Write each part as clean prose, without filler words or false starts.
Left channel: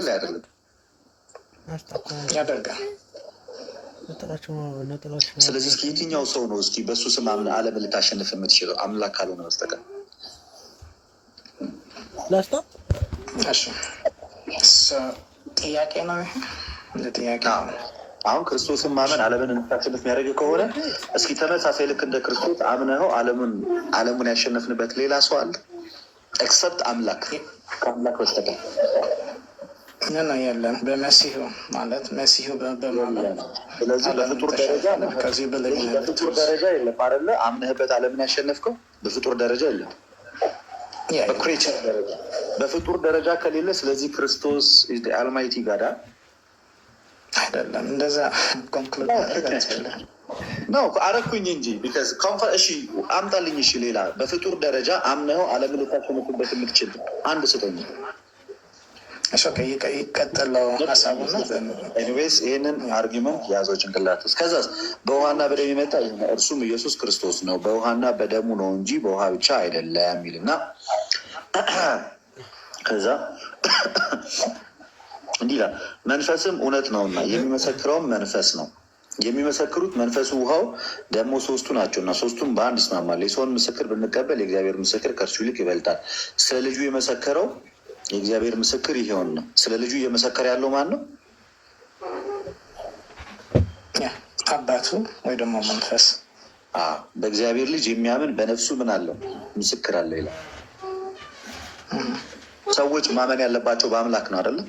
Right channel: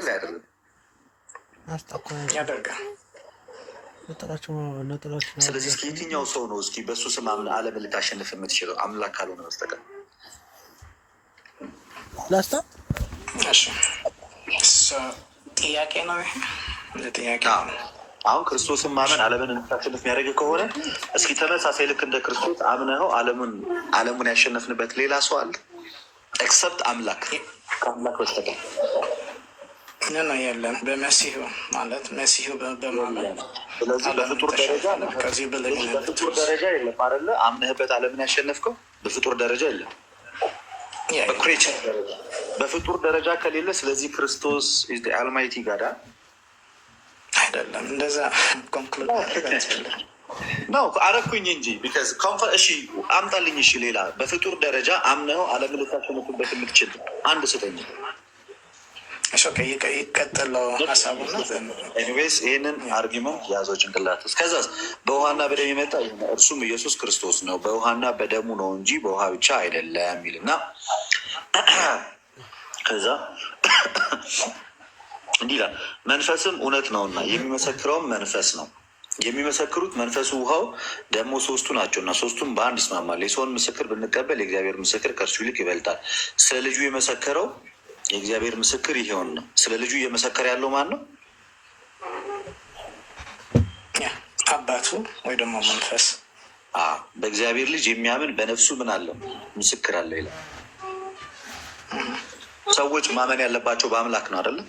ያደርጋል አይደለም? ያደርጋል። ስለዚህ እስኪ የትኛው ሰው ነው እስኪ በእሱ ስም ዓለምን ልታሸንፍ የምትችለው አምላክ ካልሆነ በስተቀር? ጥያቄ ነው ይሄ ጥያቄ። አሁን ክርስቶስን ማመን ዓለምን እንድታሸንፍ የሚያደርግ ከሆነ እስኪ ተመሳሳይ ልክ እንደ ክርስቶስ አምነኸው ዓለሙን ያሸነፍንበት ሌላ ሰው አለ? ኤክሰፕት አምላክ ከአምላክ በስተቀር ምን የለም። በመሲሁ ማለት መሲሁ በማመን ስለዚህ በፍጡር ደረጃ የለም አይደለ? አምነህበት ዓለምን ያሸነፍከው በፍጡር ደረጃ የለም። በክሬቸር ደረጃ በፍጡር ደረጃ ከሌለ ስለዚህ ክርስቶስ አልማይቲ ጋዳ አይደለም። እንደዛ ኮንክሉድ ነው አረኩኝ እንጂ ቢካዝ እሺ አምጣልኝ። እሺ ሌላ በፍጡር ደረጃ አምነኸው ዓለምን ልታሸንፍበት የምትችል አንድ ስጠኝ። ይቀጥለው ሀሳቡ ነው። ኤኒዌይስ ይህንን አርጊመንት ያዘው ጭንቅላት ውስጥ። ከዛ በውሃና በደም የመጣ እርሱም ኢየሱስ ክርስቶስ ነው፣ በውሃና በደሙ ነው እንጂ በውሃ ብቻ አይደለም የሚልና ከዛ እንዲህ ይላል፣ መንፈስም እውነት ነውና የሚመሰክረውም መንፈስ ነው። የሚመሰክሩት መንፈሱ፣ ውሃው ደግሞ ሶስቱ ናቸው እና ሶስቱም በአንድ ይስማማል። የሰውን ምስክር ብንቀበል የእግዚአብሔር ምስክር ከእርሱ ይልቅ ይበልጣል። ስለ ልጁ የመሰከረው የእግዚአብሔር ምስክር ይሄውን ነው። ስለ ልጁ እየመሰከረ ያለው ማን ነው? አባቱ ወይ ደግሞ መንፈስ። በእግዚአብሔር ልጅ የሚያምን በነፍሱ ምን አለው? ምስክር አለው ይላል። ሰዎች ማመን ያለባቸው በአምላክ ነው አይደለም?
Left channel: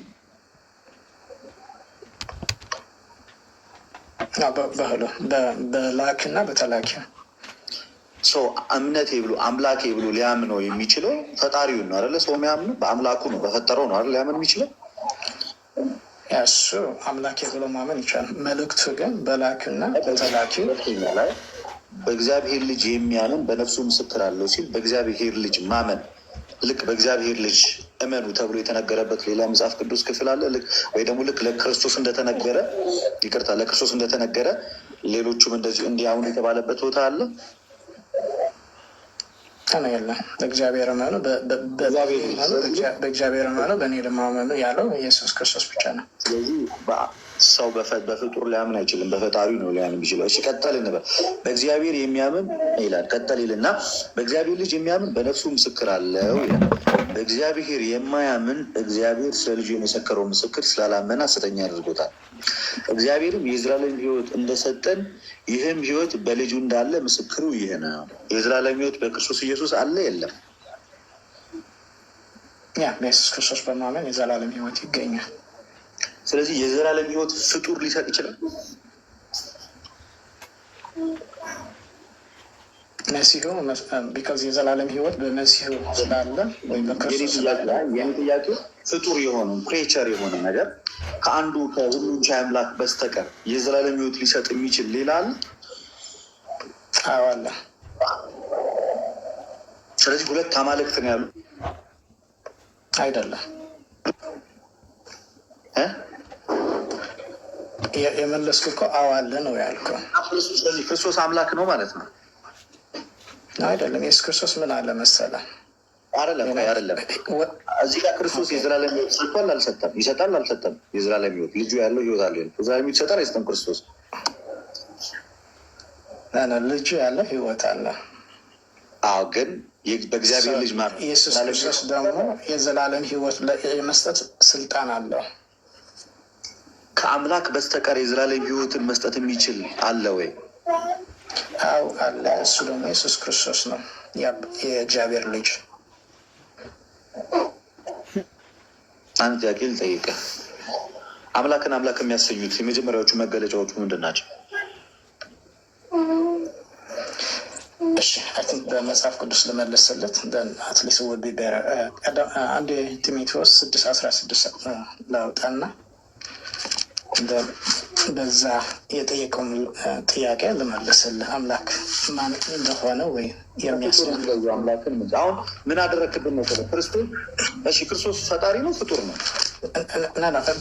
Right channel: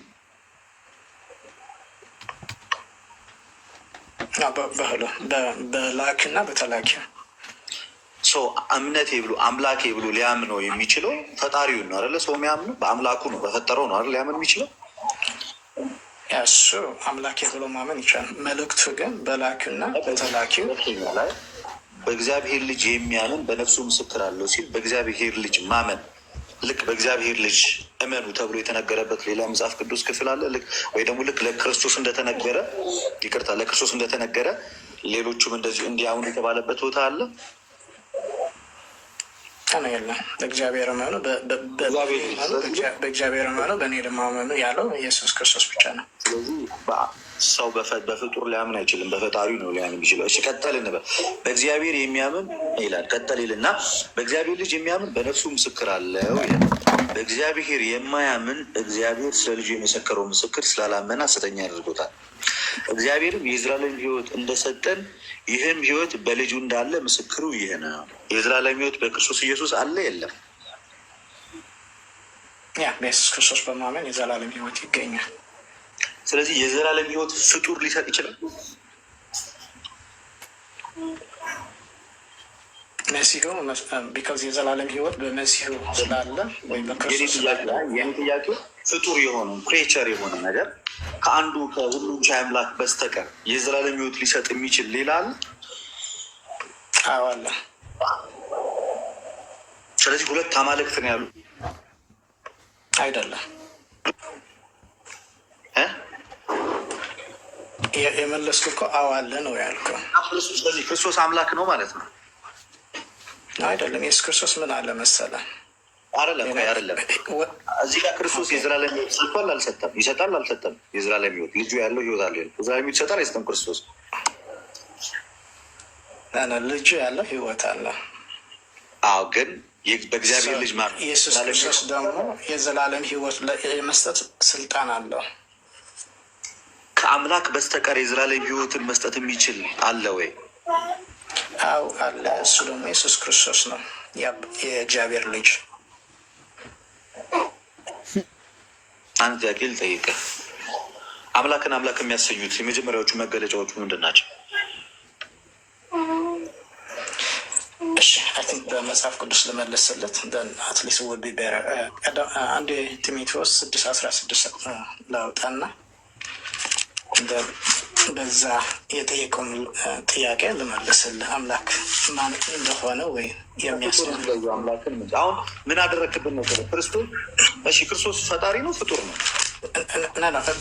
በላኪና በተላኪ እምነቴ ብሎ አምላኬ ብሎ ሊያምነው የሚችለው ፈጣሪውን ነው አይደለ? ሰው የሚያምነው በአምላኩ ነው፣ በፈጠረው ነው አይደል? ሊያምን የሚችለው እሱ አምላኬ ብሎ ማመን ይቻላል። መልእክቱ ግን በላኪና በተላኪው ላይ በእግዚአብሔር ልጅ የሚያምን በነፍሱ ምስክር አለው ሲል በእግዚአብሔር ልጅ ማመን ልክ በእግዚአብሔር ልጅ እመኑ ተብሎ የተነገረበት ሌላ መጽሐፍ ቅዱስ ክፍል አለ? ወይ ደግሞ ልክ ለክርስቶስ እንደተነገረ ለክርስቶስ እንደተነገረ ሌሎቹም እንደዚህ እንዲያምኑ የተባለበት ቦታ አለ? የለም። በእግዚአብሔር እመኑ፣ በእግዚአብሔር እመኑ፣ በእኔ ደግሞ እመኑ ያለው ኢየሱስ ክርስቶስ ብቻ ነው። ስለዚህ ሰው በፍጡር ሊያምን አይችልም፣ በፈጣሪ ነው ሊያምን የሚችለው። እሺ ቀጠል እንበል። በእግዚአብሔር የሚያምን ይላል። ቀጠል ይልና በእግዚአብሔር ልጅ የሚያምን በነፍሱ ምስክር አለው ይላል። በእግዚአብሔር የማያምን እግዚአብሔር ስለ ልጁ የመሰከረው ምስክር ስላላመነ ሐሰተኛ ያደርጎታል። እግዚአብሔርም የዘላለም ሕይወት እንደሰጠን ይህም ሕይወት በልጁ እንዳለ ምስክሩ ይህ ነው። የዘላለም ሕይወት በክርስቶስ ኢየሱስ አለ የለም? በኢየሱስ ክርስቶስ በማመን የዘላለም ሕይወት ይገኛል። ስለዚህ የዘላለም ሕይወት ፍጡር ሊሰጥ ይችላል? መሲሁ ቢካዝ የዘላለም ሕይወት በመሲሁ ስላለ ወይም በክርስቶስ ስላለ ጥያቄ ፍጡር የሆነ ክሬቸር የሆነ ነገር ከአንዱ ከሁሉም ቻይ አምላክ በስተቀር የዘላለም ሕይወት ሊሰጥ የሚችል ሌላ አለ? አዎ አለ። ስለዚህ ሁለት አማልክት ነው ያሉ አይደለም? የመለስኩ እኮ አዎ አለ ነው ያልከው። ስለዚህ ክርስቶስ አምላክ ነው ማለት ነው? አይደለም። ኢየሱስ ክርስቶስ ምን አለ መሰለህ? አይደለም እዚህ ጋር ክርስቶስ የዘላለም ሕይወት ሰጥቷል አልሰጠም? ይሰጣል አልሰጠም? የዘላለም ሕይወት ልጁ ያለው ሕይወት አለ። የዘላለም ሕይወት ይሰጣል አይሰጥም? ክርስቶስ ልጁ ያለው ሕይወት አለ። አዎ፣ ግን በእግዚአብሔር ልጅ ኢየሱስ ክርስቶስ ደግሞ የዘላለም ሕይወት የመስጠት ስልጣን አለው። ከአምላክ በስተቀር የዘላለም ሕይወትን መስጠት የሚችል አለ ወይ? አዎ አለ። እሱ ደግሞ ኢየሱስ ክርስቶስ ነው፣ የእግዚአብሔር ልጅ። አንድ ጥያቄ ልጠይቅህ። አምላክን አምላክ የሚያሰኙት የመጀመሪያዎቹ መገለጫዎቹ ምንድን ናቸው? እሺ በመጽሐፍ ቅዱስ ልመለስለት አትሊስት ውድ ቢበረ አንድ ጢሞቴዎስ 6:16 ላውጣና በዛ የጠየቀውን ጥያቄ ልመልስልህ። አምላክ ማን እንደሆነ ወይ የሚያስፈልግ አምላክን አሁን ምን አደረክብን ነው ክርስቶስ? እሺ ክርስቶስ ፈጣሪ ነው ፍጡር ነው?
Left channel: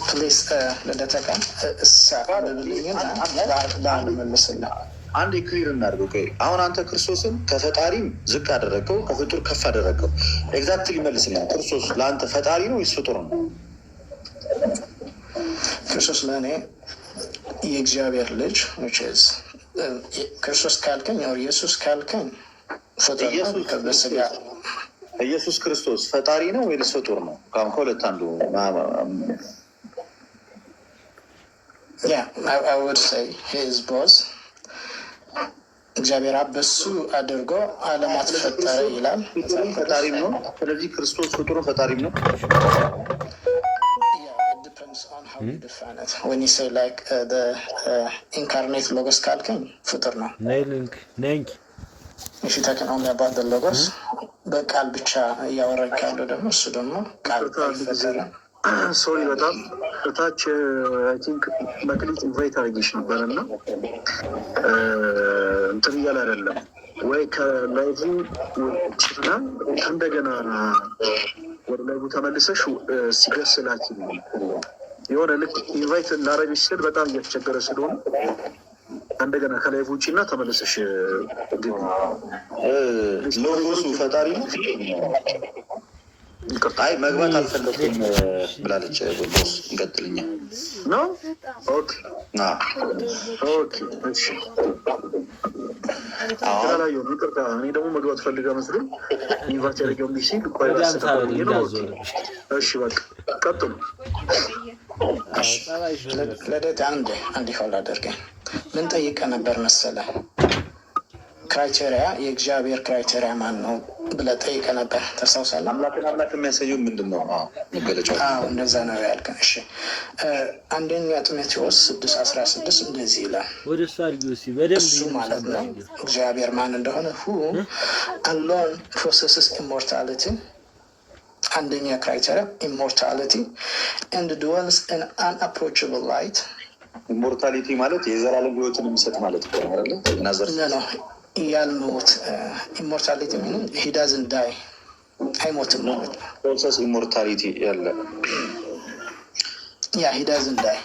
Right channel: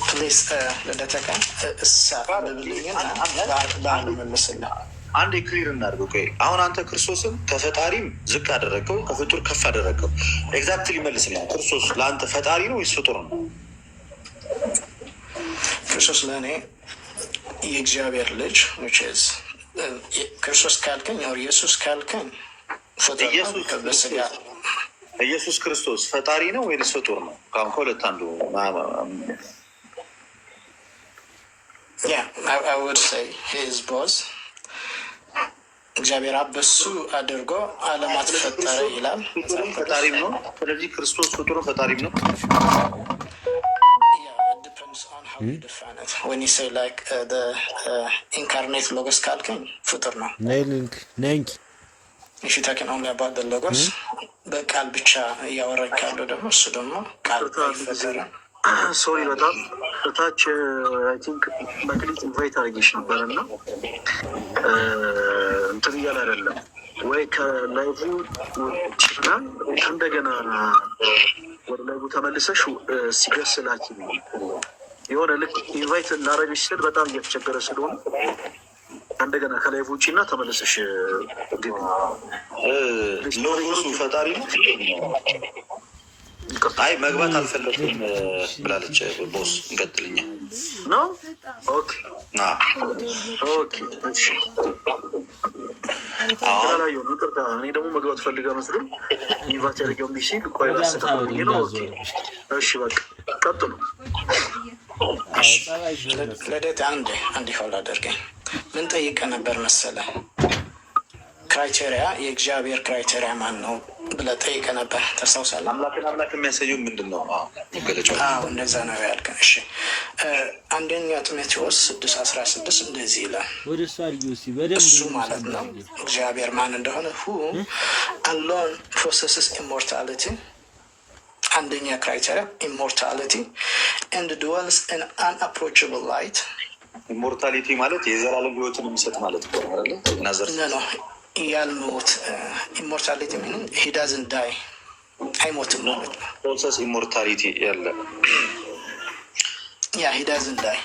ፕሊስ ልደተካ በአንድ መልስልህ። አንድ ክሊር እናድርገው። አሁን አንተ ክርስቶስን ከፈጣሪም ዝቅ አደረገው፣ ከፍጡር ከፍ አደረገው። ኤግዛክትሊ መልስልኝ። ክርስቶስ ለአንተ ፈጣሪ ነው ወይስ ፍጡር ነው? ክርስቶስ ለእኔ የእግዚአብሔር ልጅ ክርስቶስ ካልከኝ ኢየሱስ ካልከኝ ፍጡር ነው በስጋ ኢየሱስ ክርስቶስ ፈጣሪ ነው ወይስ ፍጡር ነው? ከሁለት አንዱ። I would say he is both. እግዚአብሔር አብ በሱ አድርጎ ዓለማት ፈጠረ ይላል። ፈጣሪም ነው። ስለዚህ ክርስቶስ ፍጡር ፈጣሪም ነው። It depends on how you define it. When you say like the incarnate logos ካልከኝ ፍጡር ነው። If you're talking only about the logos, በቃል ብቻ እያወራኝ ካለው ደግሞ እሱ ደግሞ ቃል አይፈጠርም። ሶሪ በጣም እታች አይ ቲንክ መክሊት ኢንቫይት አድርጌሽ ነበር እና እንትን እያለ አይደለም ወይ ከላይቭ ችና እንደገና ወደ ላይቭ ተመልሰሽ ሲገስ ላኪ የሆነ ልክ ኢንቫይት ላረግሽ ስል በጣም እየተቸገረ ስለሆነ እንደገና ከላይቭ ውጭ እና ተመልሰሽ ግቢ። ሎጎሱ ፈጣሪ ነው። አይ መግባት አልፈለኩም ብላለች ቦስ። እንቀጥልኛ ነው። ኦኬ እሺ። እኔ ደግሞ መግባት ፈልጋ መስሎኝ ኢንቫይት ያደርገው ሲል ቆይ ላስተካክል ነው። እሺ በቃ ቀጥሉ። ለደት አንድ ሆል አደርገኝ ምን ጠይቀ ነበር መሰለ? ክራይቴሪያ የእግዚአብሔር ክራይቴሪያ ማን ነው ብለህ ጠይቀህ ነበር። ታስታውሳለህ? አምላክ የሚያሳየው ምንድን ነው? መገለጫው እንደዛ ነው ያልከን። እሺ አንደኛ ጢሞቴዎስ 6:16 እንደዚህ ይላል። እሱ ማለት ነው እግዚአብሔር ማን እንደሆነ who alone possesses immortality አንደኛ ክራይቴሪያ immortality and dwells in unapproachable light። ኢሞርታሊቲ ማለት የዘላለም ሕይወትን የሚሰጥ ማለት ነው አይደል? ናዘር ነው ያልሞት ኢሞርታሊቲ ሚኒንግ ሂ ዳዝንት ዳይ አይሞትም ማለት ነው። ፕሮሰስ ኢሞርታሊቲ ያለ ሂ ዳዝንት ዳይ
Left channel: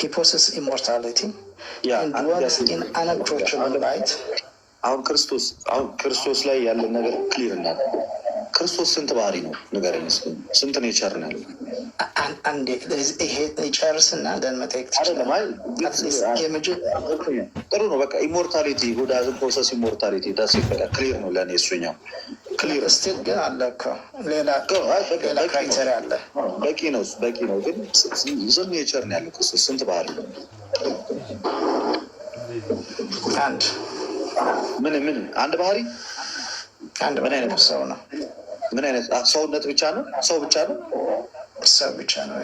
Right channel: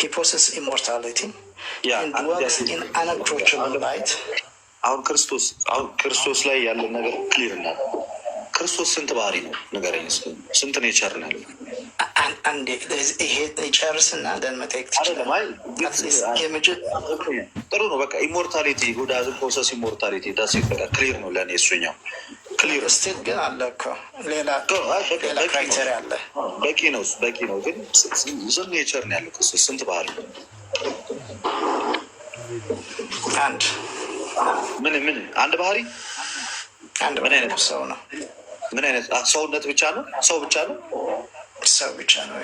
ሂ ፖሰስ ኢሞርታሊቲ ኤንድ ድዌልስ ኢን አንአፕሮችብል ላይት። አሁን ክርስቶስ ላይ ያለን ነገር ክሊር እና ክርስቶስ ስንት ባህሪ ነው ንገረኝ። ስንት ኔቸር ነው ያለው? አንዴ ይሄ ጨርስና ደን መጠየቅ ትችላለህ። ጥሩ ነው በቃ ኢሞርታሊቲ ጉዳዝ ፕሮሰስ ኢሞርታሊቲ ዳስ በቃ ክሊር ነው ለእኔ እሱኛው ክሊር። ስቲል ግን አለ እኮ ሌላ ክራይቴሪያ አለ። በቂ ነው ግን ስንት ኔቸር ነው ያለው ክርስቶስ? ስንት ባህሪ? አንድ አንድ ባህሪ። ምን አይነት ሰው ነው? ምን አይነት ሰውነት ብቻ ነው? ሰው ብቻ ነው? ሰው ብቻ ነው።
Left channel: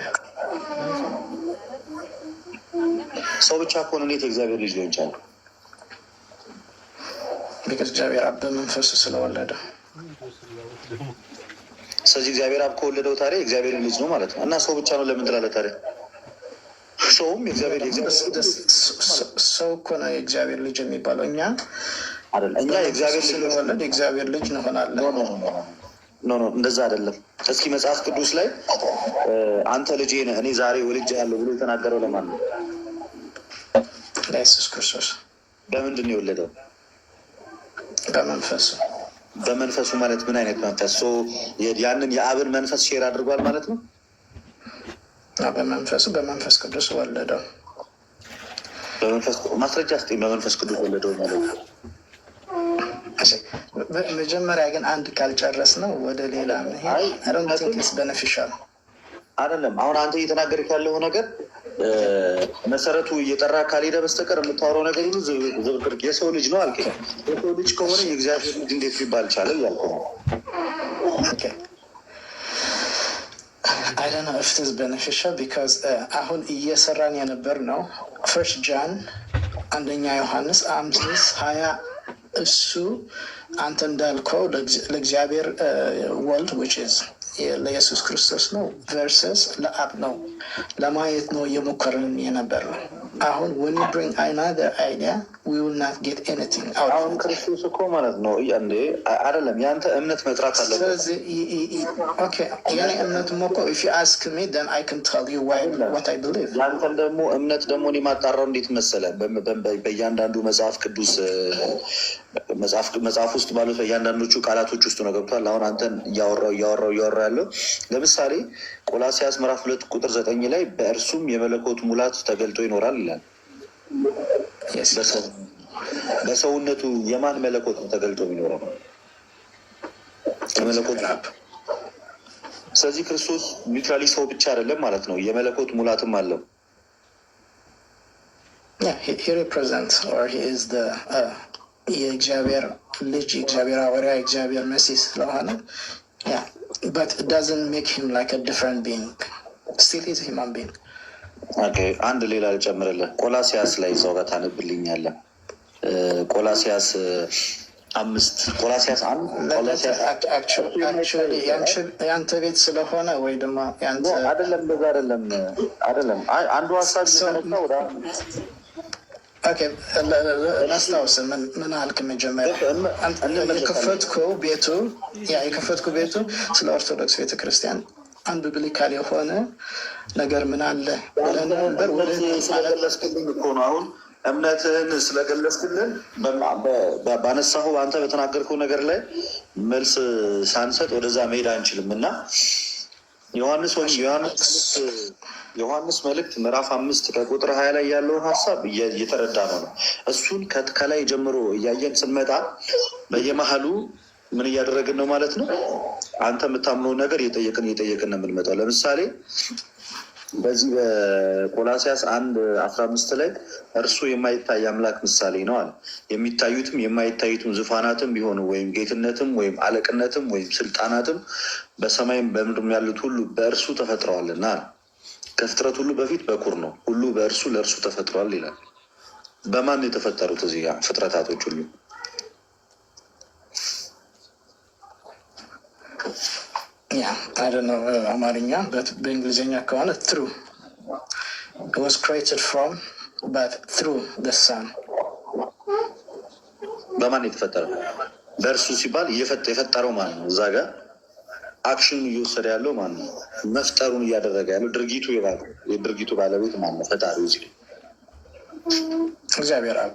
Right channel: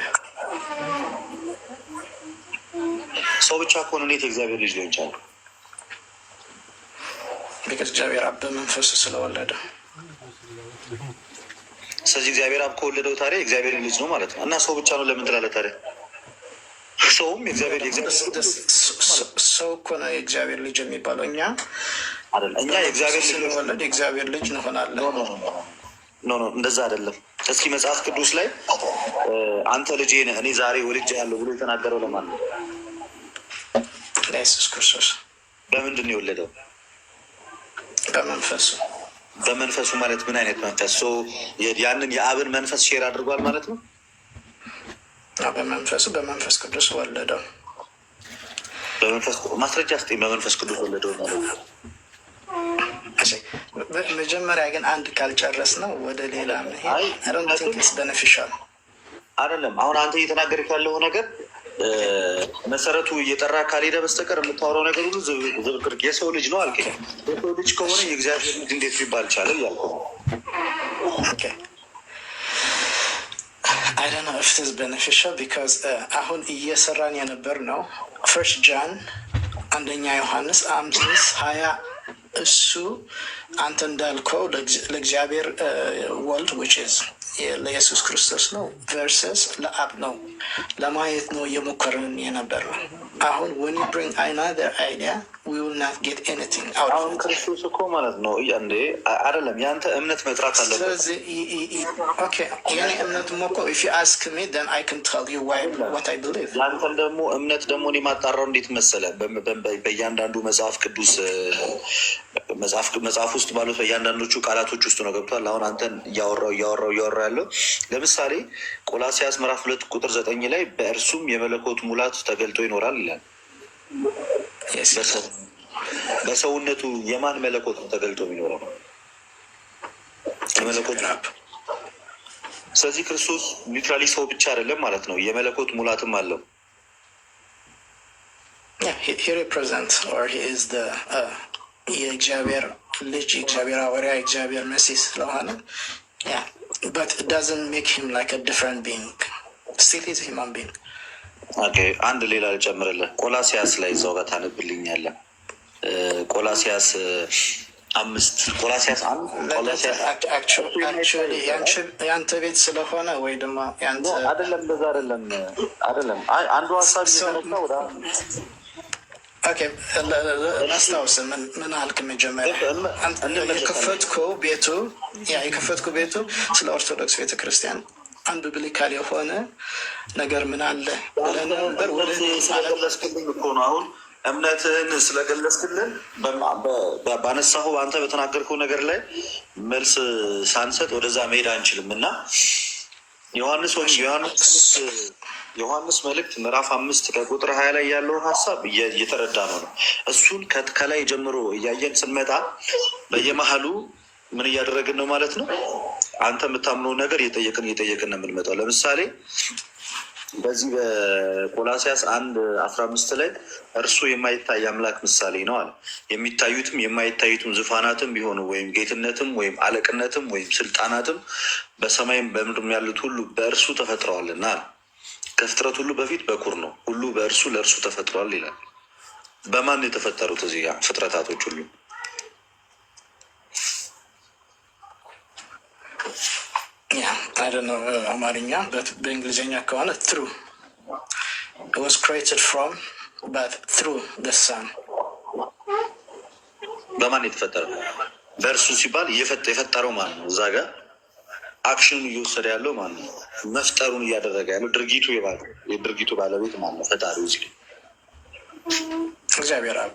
ሰው ብቻ ከሆነ እንዴት የእግዚአብሔር ልጅ ሊሆን ይችላል? ቢካዝ እግዚአብሔር አብ በመንፈሱ ስለወለደ። ስለዚህ እግዚአብሔር አብ ከወለደው ታዲያ የእግዚአብሔር ልጅ ነው ማለት ነው። እና ሰው ብቻ ነው ለምን ትላለህ ታዲያ? ሰውም የእግዚአብሔር ሰው እኮ ነው የእግዚአብሔር ልጅ የሚባለው። እኛ የእግዚአብሔር ስለወለድ የእግዚአብሔር ልጅ እንሆናለን። ኖ እንደዛ አይደለም። እስኪ መጽሐፍ ቅዱስ ላይ አንተ ልጄ ነህ እኔ ዛሬ ወልጄሃለሁ ብሎ የተናገረው ለማን ነው? ለኢየሱስ ክርስቶስ። በምንድን ነው የወለደው? በመንፈሱ። በመንፈሱ ማለት ምን አይነት መንፈስ? ያንን የአብን መንፈስ ሼር አድርጓል ማለት ነው። በመንፈስ ቅዱስ ወለደው። በመንፈስ ማስረጃ ስጠኝ። በመንፈስ ቅዱስ ወለደው ማለት ነው። መጀመሪያ ግን አንድ ካልጨረስ ነው ወደ ሌላ በነፊሻል አይደለም። አሁን አንተ እየተናገርክ ያለው ነገር መሰረቱ እየጠራ ካልሄደ በስተቀር የምታወራው ነገር ሁሉ ዝብርቅርቅ። የሰው ልጅ ነው አልከኝ። የሰው ልጅ ከሆነ የእግዚአብሔር ልጅ እንዴት ሊባል ቻለ እያልኩ ነው። I don't know if it is beneficial because አሁን እየሰራን የነበር ነው ፈርስት ጃን አንደኛ ዮሐንስ 5:20 እሱ አንተ እንዳልከው ለእግዚአብሔር ወልድ which is ለኢየሱስ ክርስቶስ ነው ቨርሰስ ለአብ ነው ለማየት ነው እየሞከርን የነበር ነው። አሁን when you bring another idea we will not get anything out of it። ክርስቶስ እኮ ማለት ነው እንዴ አይደለም። ያንተ እምነት መጥራት አለበት። ስለዚህ የኔ እምነት ሞኮ if you ask me then I can tell you what I believe። ያንተን ደግሞ እምነት ደግሞ እኔ ማጣራው እንዴት መሰለ በእያንዳንዱ መጽሐፍ ቅዱስ መጽሐፍ ውስጥ ባሉት በእያንዳንዶቹ ቃላቶች ውስጥ ነው ገብቷል። አሁን አንተን እያወራው ያለው ለምሳሌ ቆላሲያስ ምዕራፍ 2 ቁጥር 9 ላይ በእርሱም የመለኮት ሙላት ተገልጦ ይኖራል ይላል። በሰውነቱ የማን መለኮት ነው ተገልጦ የሚኖረው? የመለኮት። ስለዚህ ክርስቶስ ኒውትራሊ ሰው ብቻ አይደለም ማለት ነው፣ የመለኮት ሙላትም አለው። የእግዚአብሔር ልጅ፣ የእግዚአብሔር ሐዋርያ፣ የእግዚአብሔር መሲህ ስለሆነ but it doesn't make him like a different being. Still is a human being. አንድ ሌላ ልጨምርልህ። ቆላሲያስ ላይ እዛው ጋር ታነብልኛለህ። ቆላሲያስ 5 የአንተ ቤት ስለሆነ ወይ ደግሞ አይደለም፣ እንደዛ አይደለም። አንዱ ሀሳብ ላስታውስ ምን አልክ? መጀመሪያ የከፈትኩ ቤቱ ስለ ኦርቶዶክስ ቤተክርስቲያን አንዱ ብሊካል የሆነ ነገር ምን አለ ብለን ነበር። ወደ ስለገለጽክልኝ እኮ ነው አሁን እምነትህን ስለገለጽክልን ባነሳሁ አንተ በተናገርከው ነገር ላይ መልስ ሳንሰጥ ወደዛ መሄድ አንችልም እና ዮሐንስ መልእክት ምዕራፍ 5 ከቁጥር 20 ላይ ያለውን ሀሳብ እየተረዳ ነው። እሱን ከላይ ጀምሮ እያየን ስንመጣ በየመሀሉ ምን እያደረግን ነው ማለት ነው። አንተ የምታምነውን ነገር እየጠየቅን ነው የምንመጣው። ለምሳሌ በዚህ በቆላሲያስ 1:15 ላይ እርሱ የማይታይ አምላክ ምሳሌ ነው አለ። የሚታዩትም የማይታዩትም ዙፋናትም ቢሆኑ ወይም ጌትነትም ወይም አለቅነትም ወይም ስልጣናትም በሰማይም በምድርም ያሉት ሁሉ በእርሱ ተፈጥረዋልና አለ። ከፍጥረት ሁሉ በፊት በኩር ነው፣ ሁሉ በእርሱ ለእርሱ ተፈጥሯል ይላል። በማን የተፈጠሩት እዚህ ጋር ፍጥረታቶች ሁሉ? አማርኛ በእንግሊዝኛ ከሆነ ትሩ was created from but through the son። በማን የተፈጠረው? በእርሱ ሲባል የፈጠረው ማን ነው? እዛ ጋር አክሽኑ እየወሰደ ያለው ማን ነው? መፍጠሩን እያደረገ ያለው የድርጊቱ ባለቤት ማን ነው? ፈጣሪው እዚህ እግዚአብሔር አብ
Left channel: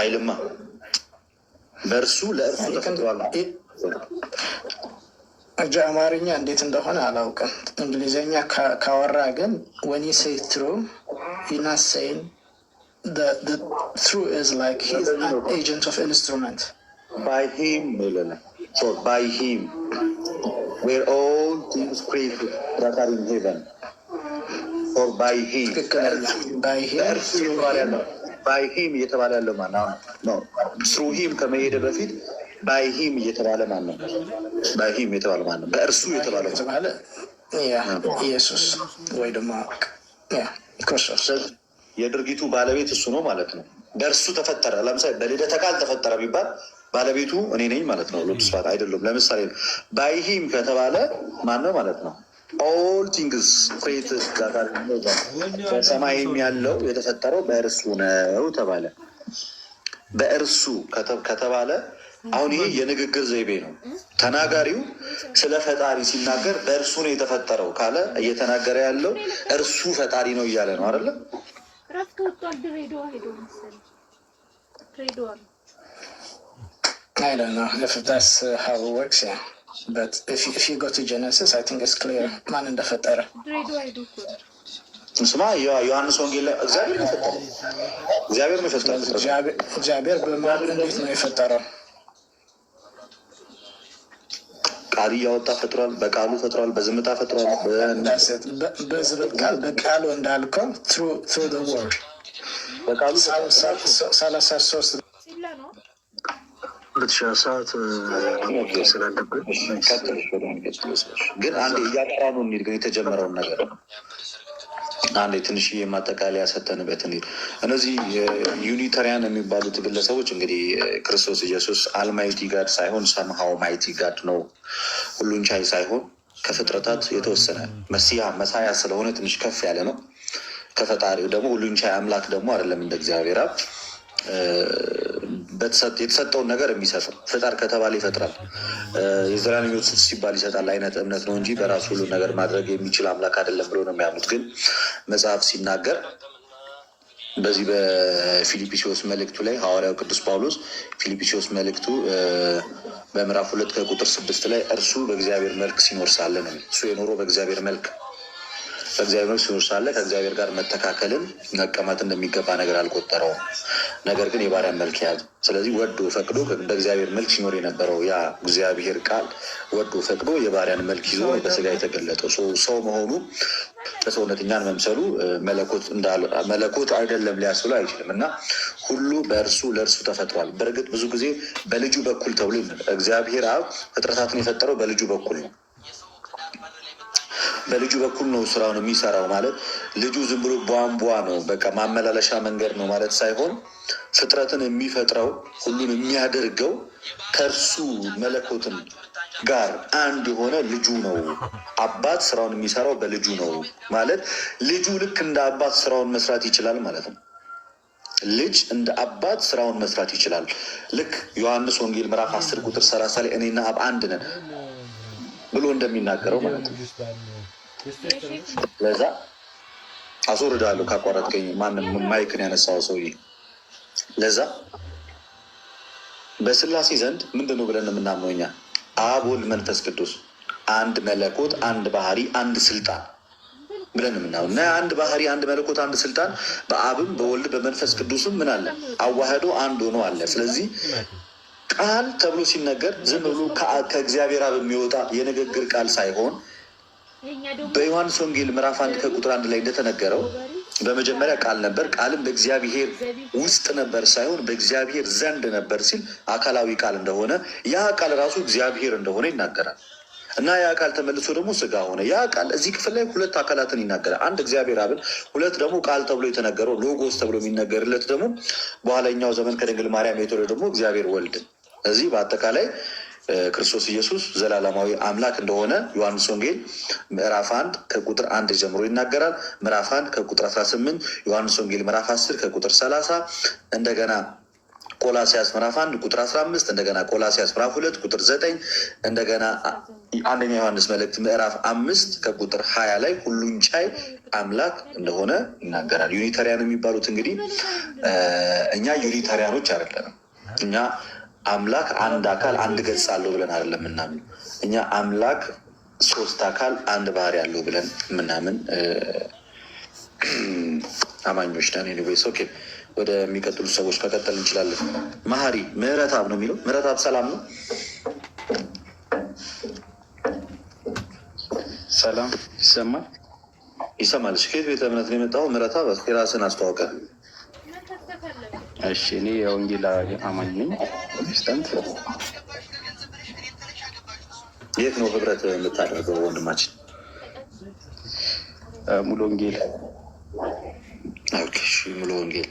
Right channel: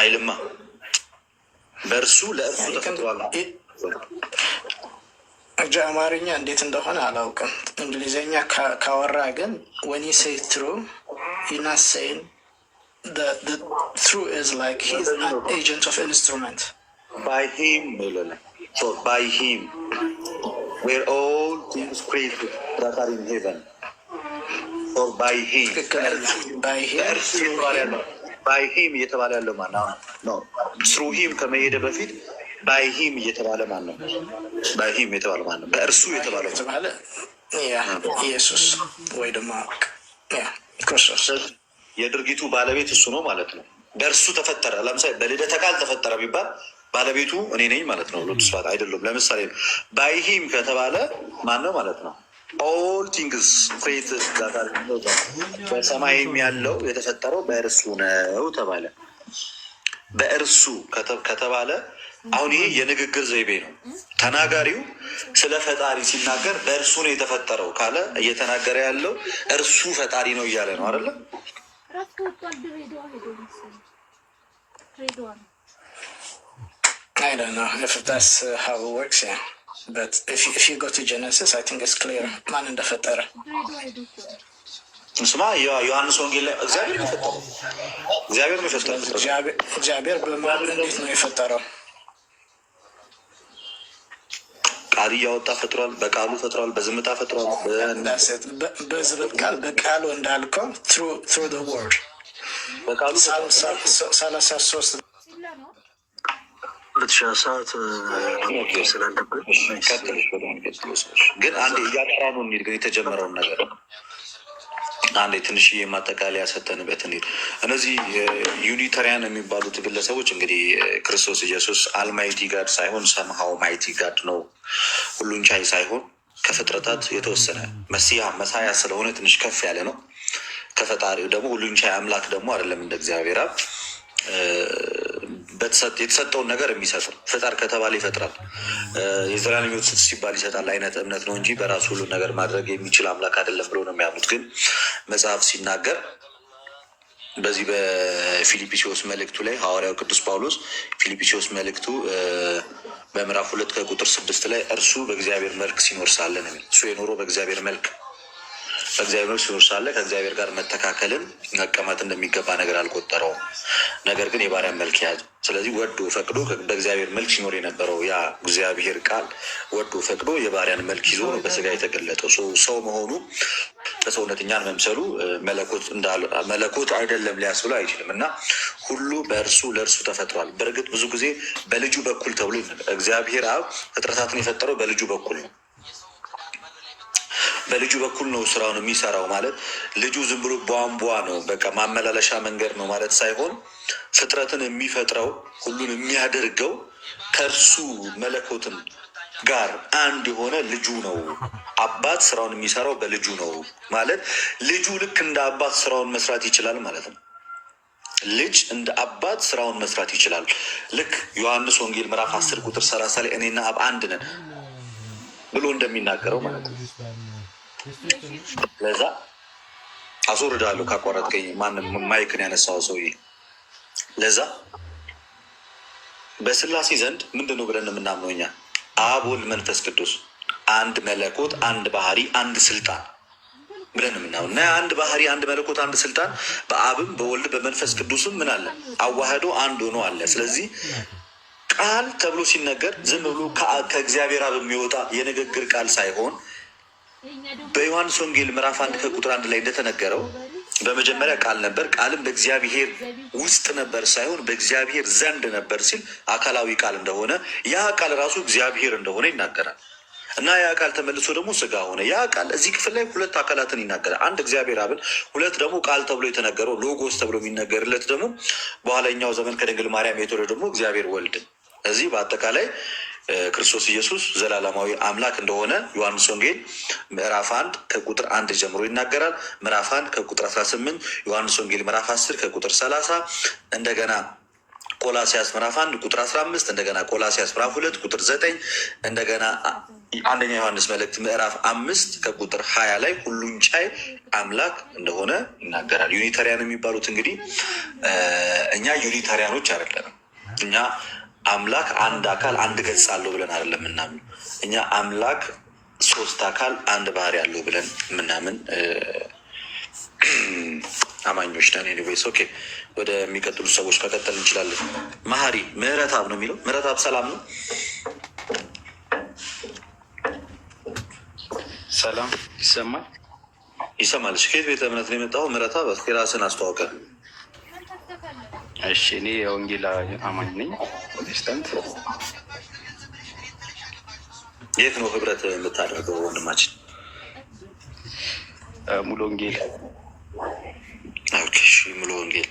አይልማ። በእርሱ ለእርሱ ተፈጥሯል። አማርኛ እንዴት እንደሆነ አላውቅም። እንግሊዝኛ ካወራ ግን when you say true you're not saying the true is like he's an agent of instrument. By him where all things created that are in heaven or by him እየተባለ ያለው ማነው? through him ከመሄደ በፊት ባይሂም እየተባለ ማን ነው? ባይሂም የተባለ ማን ነው? በእርሱ የተባለ ኢየሱስ ወይ ደግሞ ክርስቶስ የድርጊቱ ባለቤት እሱ ነው ማለት ነው። በእርሱ ተፈጠረ። ለምሳሌ በልደተ ቃል ተፈጠረ ቢባል ባለቤቱ እኔ ነኝ ማለት ነው። ሎቱ ስፋት አይደለም። ለምሳሌ ባይሂም ከተባለ ማን ነው ማለት ነው? ኦል ቲንግስ ክሬትድ በሰማይም ያለው የተፈጠረው በእርሱ ነው ተባለ። በእርሱ ከተባለ አሁን ይሄ የንግግር ዘይቤ ነው። ተናጋሪው ስለ ፈጣሪ ሲናገር በእርሱ ነው የተፈጠረው ካለ እየተናገረ ያለው እርሱ ፈጣሪ ነው እያለ ነው አይደለም? I don't know if that's how it works, yeah. But if you go to Genesis, I think it's clear ማን እንደፈጠረ። ስማ ዮሐንስ ወንጌል ላይ እግዚአብሔር ነው የፈጠረው። እግዚአብሔር በማን እንዴት ነው የፈጠረው? ቃል እያወጣ ፈጥሯል። በቃሉ ፈጥሯል። በዝምታ ፈጥሯል። በቃሉ እንዳልከው through the word በቃሉ 33 ሰዓት ስላለብን ግን አንዴ እያጠራ ነው እንሂድ። ግን የተጀመረውን ነገር አንዴ ትንሽዬ ማጠቃለያ ሰተንበት እንሂድ። እነዚህ ዩኒታሪያን የሚባሉት ግለሰቦች እንግዲህ ክርስቶስ ኢየሱስ አልማይቲ ጋድ ሳይሆን ሰምሃው ማይቲ ጋድ ነው፣ ሁሉን ቻይ ሳይሆን ከፍጥረታት የተወሰነ መሳያ ስለሆነ ትንሽ ከፍ ያለ ነው። ከፈጣሪው ደግሞ ሁሉን ቻይ አምላክ ደግሞ አይደለም እንደ እግዚአብሔር አብ የተሰጠውን ነገር የሚሰጥ ፍጠር ከተባለ ይፈጥራል። የዘላለም ሕይወት ሲባል ይሰጣል አይነት እምነት ነው እንጂ በራሱ ሁሉ ነገር ማድረግ የሚችል አምላክ አይደለም ብሎ ነው የሚያምኑት። ግን መጽሐፍ ሲናገር በዚህ በፊልጵስዩስ መልእክቱ ላይ ሐዋርያው ቅዱስ ጳውሎስ ፊልጵስዩስ መልእክቱ በምዕራፍ 2 ከቁጥር 6 ላይ እርሱ በእግዚአብሔር መልክ ሲኖር ሳለ ነው። እሱ የኖረው በእግዚአብሔር መልክ ሲኖር ሳለ ከእግዚአብሔር ጋር መተካከልን መቀማት እንደሚገባ ነገር አልቆጠረውም። ነገር ግን የባሪያን መልክ ያዘ። ስለዚህ ወዶ ፈቅዶ በእግዚአብሔር መልክ ሲኖር የነበረው ያ እግዚአብሔር ቃል ወዶ ፈቅዶ የባሪያን መልክ ይዞ በስጋ የተገለጠው ሰው መሆኑ በሰውነት እኛን መምሰሉ መለኮት አይደለም ሊያስብሎ አይችልም። እና ሁሉ በእርሱ ለእርሱ ተፈጥሯል። በእርግጥ ብዙ ጊዜ በልጁ በኩል ተብሎ እግዚአብሔር አብ ፍጥረታትን የፈጠረው በልጁ በኩል ነው። በልጁ በኩል ነው ስራውን የሚሰራው። ማለት ልጁ ዝም ብሎ ቧንቧ ነው፣ በቃ ማመላለሻ መንገድ ነው ማለት ሳይሆን ፍጥረትን የሚፈጥረው ሁሉን የሚያደርገው ከእርሱ መለኮትን ጋር አንድ የሆነ ልጁ ነው። አባት ስራውን የሚሰራው በልጁ ነው ማለት ልጁ ልክ እንደ አባት ስራውን መስራት ይችላል ማለት ነው። ልጅ እንደ አባት ስራውን መስራት ይችላል። ልክ ዮሐንስ ወንጌል ምዕራፍ 10 ቁጥር 30 ላይ እኔና አብ አንድ ነን ብሎ እንደሚናገረው ማለት ነው። ለዛ አስወርዳለሁ ካቋረጥከኝ፣ ማንም ማይክን ያነሳው ሰውዬ። ለዛ በስላሴ ዘንድ ምንድን ነው ብለን የምናምነው እኛ? አብ ወልድ መንፈስ ቅዱስ አንድ መለኮት፣ አንድ ባህሪ፣ አንድ ስልጣን ብለን የምናምነው እና አንድ ባህሪ፣ አንድ መለኮት፣ አንድ ስልጣን በአብም በወልድ በመንፈስ ቅዱስም ምን አለ? አዋህዶ አንድ ሆኖ አለ። ስለዚህ ቃል ተብሎ ሲነገር ዝም ብሎ ከእግዚአብሔር አብ የሚወጣ የንግግር ቃል ሳይሆን በዮሐንስ ወንጌል ምዕራፍ 1 ከቁጥር 1 ላይ እንደተነገረው በመጀመሪያ ቃል ነበር፣ ቃልም በእግዚአብሔር ውስጥ ነበር ሳይሆን በእግዚአብሔር ዘንድ ነበር ሲል አካላዊ ቃል እንደሆነ ያ ቃል ራሱ እግዚአብሔር እንደሆነ ይናገራል። እና ያ ቃል ተመልሶ ደግሞ ስጋ ሆነ። ያ ቃል እዚህ ክፍል ላይ ሁለት አካላትን ይናገራል። አንድ እግዚአብሔር አብን፣ ሁለት ደግሞ ቃል ተብሎ የተነገረው ሎጎስ ተብሎ የሚነገርለት ደግሞ በኋላኛው ዘመን ከድንግል ማርያም የተወለደ ደግሞ እግዚአብሔር ወልድ። እዚህ በአጠቃላይ ክርስቶስ ኢየሱስ ዘላለማዊ አምላክ እንደሆነ ዮሐንስ ወንጌል ምዕራፍ 1 ከቁጥር 1 ጀምሮ ይናገራል። ምዕራፍ 1 ከቁጥር 18፣ ዮሐንስ ወንጌል ምዕራፍ 10 ከቁጥር 30፣ እንደገና ቆላሲያስ ምዕራፍ 1 ቁጥር 15፣ እንደገና ቆላሲያስ ምዕራፍ 2 ቁጥር 9፣ እንደገና አንደኛ ዮሐንስ መልእክት ምዕራፍ 5 ከቁጥር 20 ላይ ሁሉን ቻይ አምላክ እንደሆነ ይናገራል። ዩኒታሪያን የሚባሉት እንግዲህ እኛ ዩኒታሪያኖች አይደለንም። እኛ አምላክ አንድ አካል አንድ ገጽ አለው ብለን አይደለም ምናምን። እኛ አምላክ ሶስት አካል አንድ ባህሪ አለው ብለን ምናምን አማኞች ነን። ኤኒዌይስ ኦኬ፣ ወደሚቀጥሉ ሰዎች መቀጠል እንችላለን። መሀሪ ምህረትአብ ነው የሚለው። ምህረትአብ ሰላም ነው። ሰላም ይሰማል? ይሰማል። ከየት ቤተ እምነት ነው የመጣው? ምህረትአብ የራስን አስተዋውቀ። እሺ፣ እኔ የወንጌል አማኝ ነኝ፣ ፕሮቴስታንት። የት ነው ህብረት የምታደርገው ወንድማችን? ሙሉ ወንጌል። ኦኬ፣ ሙሉ ወንጌል።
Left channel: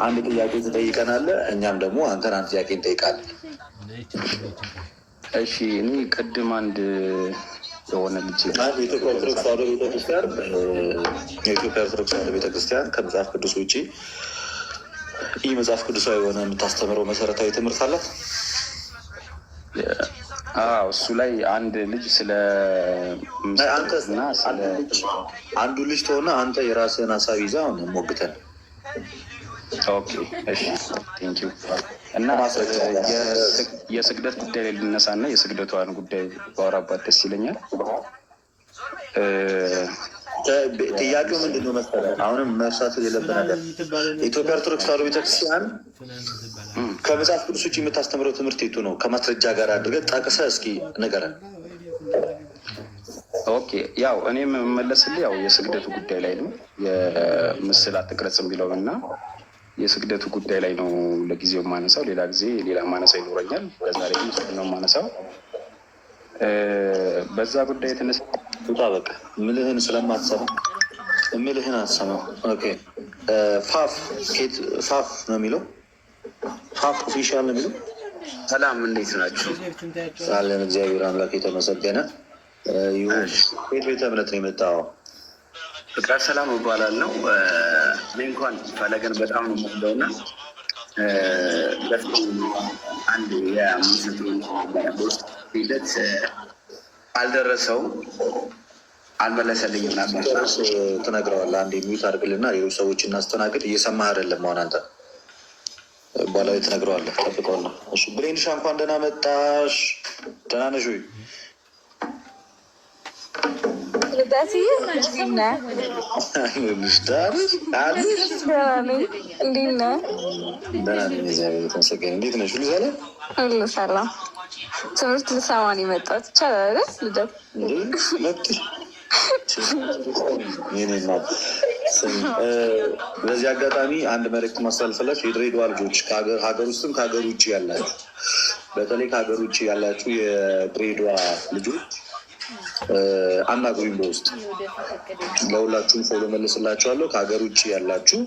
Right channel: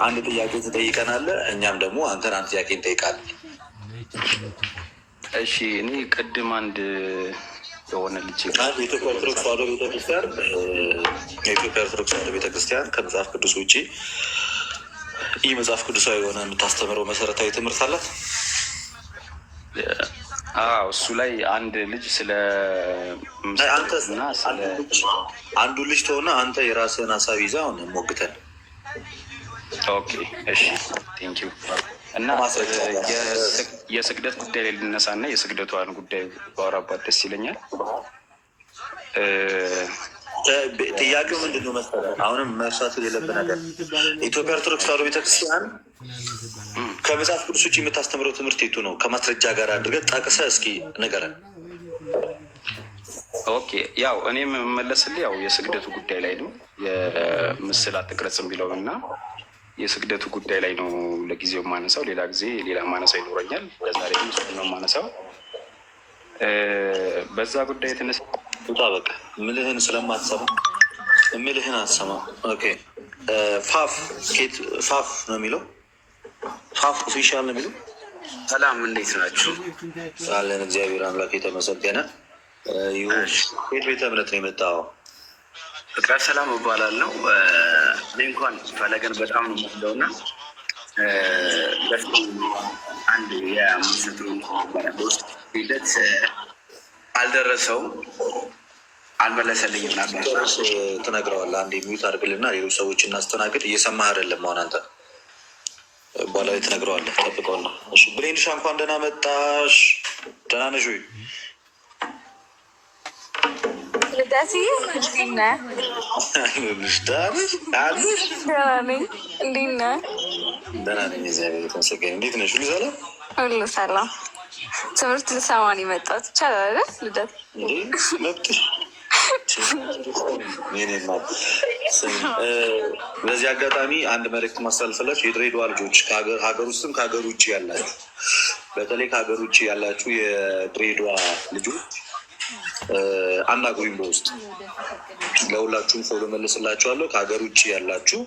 አንድ ጥያቄ ትጠይቀናለህ፣ እኛም ደግሞ አንተን አንድ ጥያቄ እንጠይቃለን። እሺ፣ እኔ ቅድም አንድ የሆነ ልጅ የኢትዮጵያ ኦርቶዶክስ ተዋሕዶ ቤተክርስቲያን ከመጽሐፍ ቅዱስ ውጭ ይህ መጽሐፍ ቅዱሳዊ የሆነ የምታስተምረው መሰረታዊ ትምህርት አላት። እሱ ላይ አንድ ልጅ ስለ አንዱ ልጅ ተሆነ አንተ የራስህን ሀሳብ ይዘህ አሁን ሞግተን። ኦኬ፣ እሺ፣ ቴንኪው። እና የስግደት ጉዳይ ላይ ልነሳ እና የስግደቷን ጉዳይ ባወራባት ደስ ይለኛል። ጥያቄው ምንድን ነው መሰለህ? አሁንም መርሳት የሌለብን ነገር የኢትዮጵያ ኦርቶዶክስ ተዋሕዶ ቤተክርስቲያን ከመጽሐፍ ቅዱስ ውጭ የምታስተምረው ትምህርት የቱ ነው? ከማስረጃ ጋር አድርገህ ጠቅሰህ እስኪ ንገረን። ኦኬ፣ ያው እኔ የምመለስልህ ያው የስግደቱ ጉዳይ ላይ ነው። የምስል አትቅረጽ የሚለው እና የስግደቱ ጉዳይ ላይ ነው ለጊዜው የማነሳው። ሌላ ጊዜ ሌላ ማነሳው ይኖረኛል። ለዛሬ ግን እሱ ነው የማነሳው። በዛ ጉዳይ የተነሳ በቃ ምልህን ስለማትሰማ ምልህን አትሰማ። ኦኬ፣ ፋፍ ነው የሚለው። ፋፍ ኦፊሻል ነው የሚለው። ሰላም፣ እንዴት ናችሁ? አለን፣ እግዚአብሔር አምላክ የተመሰገነ ይሁን። ከየት ቤተ እምነት ነው የመጣው? ፍቅረ ሰላም እባላለሁ። እኔ እንኳን ፈለገን በጣም ነው የምወደውና አንድ የምስቱ በውስጥ ሂደት አልደረሰውም። አልመለሰልኝም ነበር። ትነግረዋለህ። አንዴ ሚዩት አድርግልና ሌሎች ሰዎች እናስተናግድ። እየሰማህ አይደለም አሁን አንተ በኋላ ላይ ትነግረዋለህ። ጠብቀውና። እሺ ብሬንሻ እንኳን ደህና መጣሽ። ደህና ነሽ ወይ? ልደትዬ እንዴት ነህ? እንዴት ነህ? ደህና ነኝ እግዚአብሔር ይመስገን። እንዴት ነሽ? ሁሉ ሰላም? ሁሉ ሰላም። ትምህርት ልሰማ ነው የመጣሁት። ይቻላል አይደል? ልደት መብት በዚህ አጋጣሚ አንድ መልዕክት ማስተላለፍላችሁ የድሬዳዋ ልጆች ሀገር ውስጥም ከሀገር ውጭ ያላችሁ፣ በተለይ ከሀገር ውጭ ያላችሁ የድሬዳዋ ልጆች አናግሩኝ በውስጥ ለሁላችሁም ፎሎ መልስላችኋለሁ። ከሀገር ውጭ ያላችሁ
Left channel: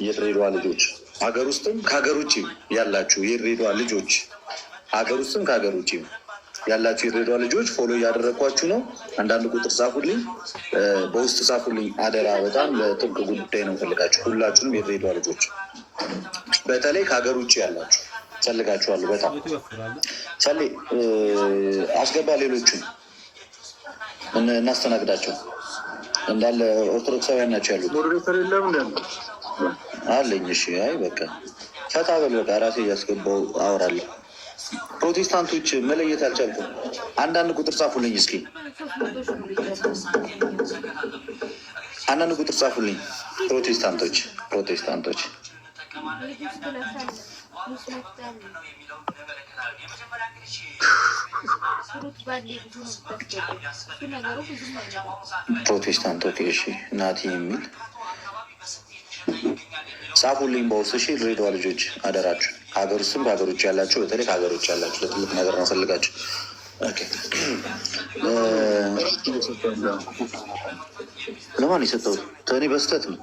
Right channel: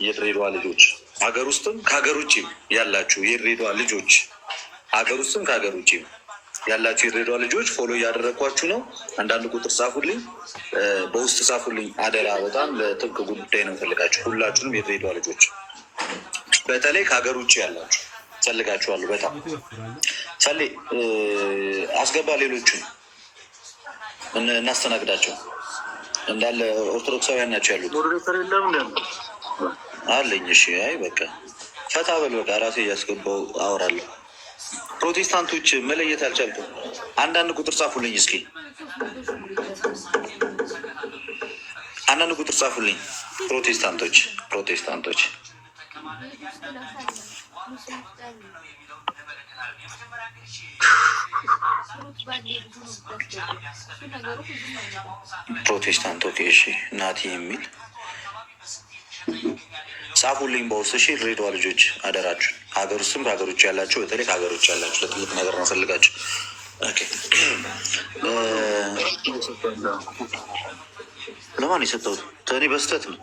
የድሬዳዋ ልጆች፣ ሀገር ውስጥም ከሀገር ውጭ ያላችሁ የድሬዳዋ ልጆች፣ ሀገር ውስጥም ከሀገር ውጭ ያላችሁ የድሬዳዋ ልጆች ፎሎ እያደረግኳችሁ ነው። አንዳንድ ቁጥር ጻፉልኝ፣ በውስጥ ጻፉልኝ አደራ። በጣም ለጥብቅ ጉዳይ ነው ፈልጋችሁ። ሁላችሁንም የድሬዳዋ ልጆች በተለይ ከሀገር ውጭ ያላችሁ ፈልጋችኋለሁ። በጣም ፈሌ አስገባ። ሌሎቹን እናስተናግዳቸው። እንዳለ ኦርቶዶክሳውያን ናቸው ያሉት። ሞዴሬተር የለም አለኝ። እሺ፣ አይ በቃ ፈታ በል በቃ። ራሴ እያስገባው አወራለሁ። ፕሮቴስታንቶች መለየት አልቻልኩም። አንዳንድ ቁጥር ጻፉልኝ እስኪ፣ አንዳንድ ቁጥር ጻፉልኝ። ፕሮቴስታንቶች ፕሮቴስታንት። ኦኬ እሺ፣ ናቲ የሚል ጻፉልኝ በውስጥ። እሺ ድሬዳዋ ልጆች አደራችሁ፣ ከሀገር ውስጥም ከሀገር ውጭ ያላችሁ፣ በተለይ ከሀገር ውጭ ያላችሁ ለትልቅ ነገር ነው ፈልጋችሁ። ለማን የሰጠሁት? እኔ በስተት ነው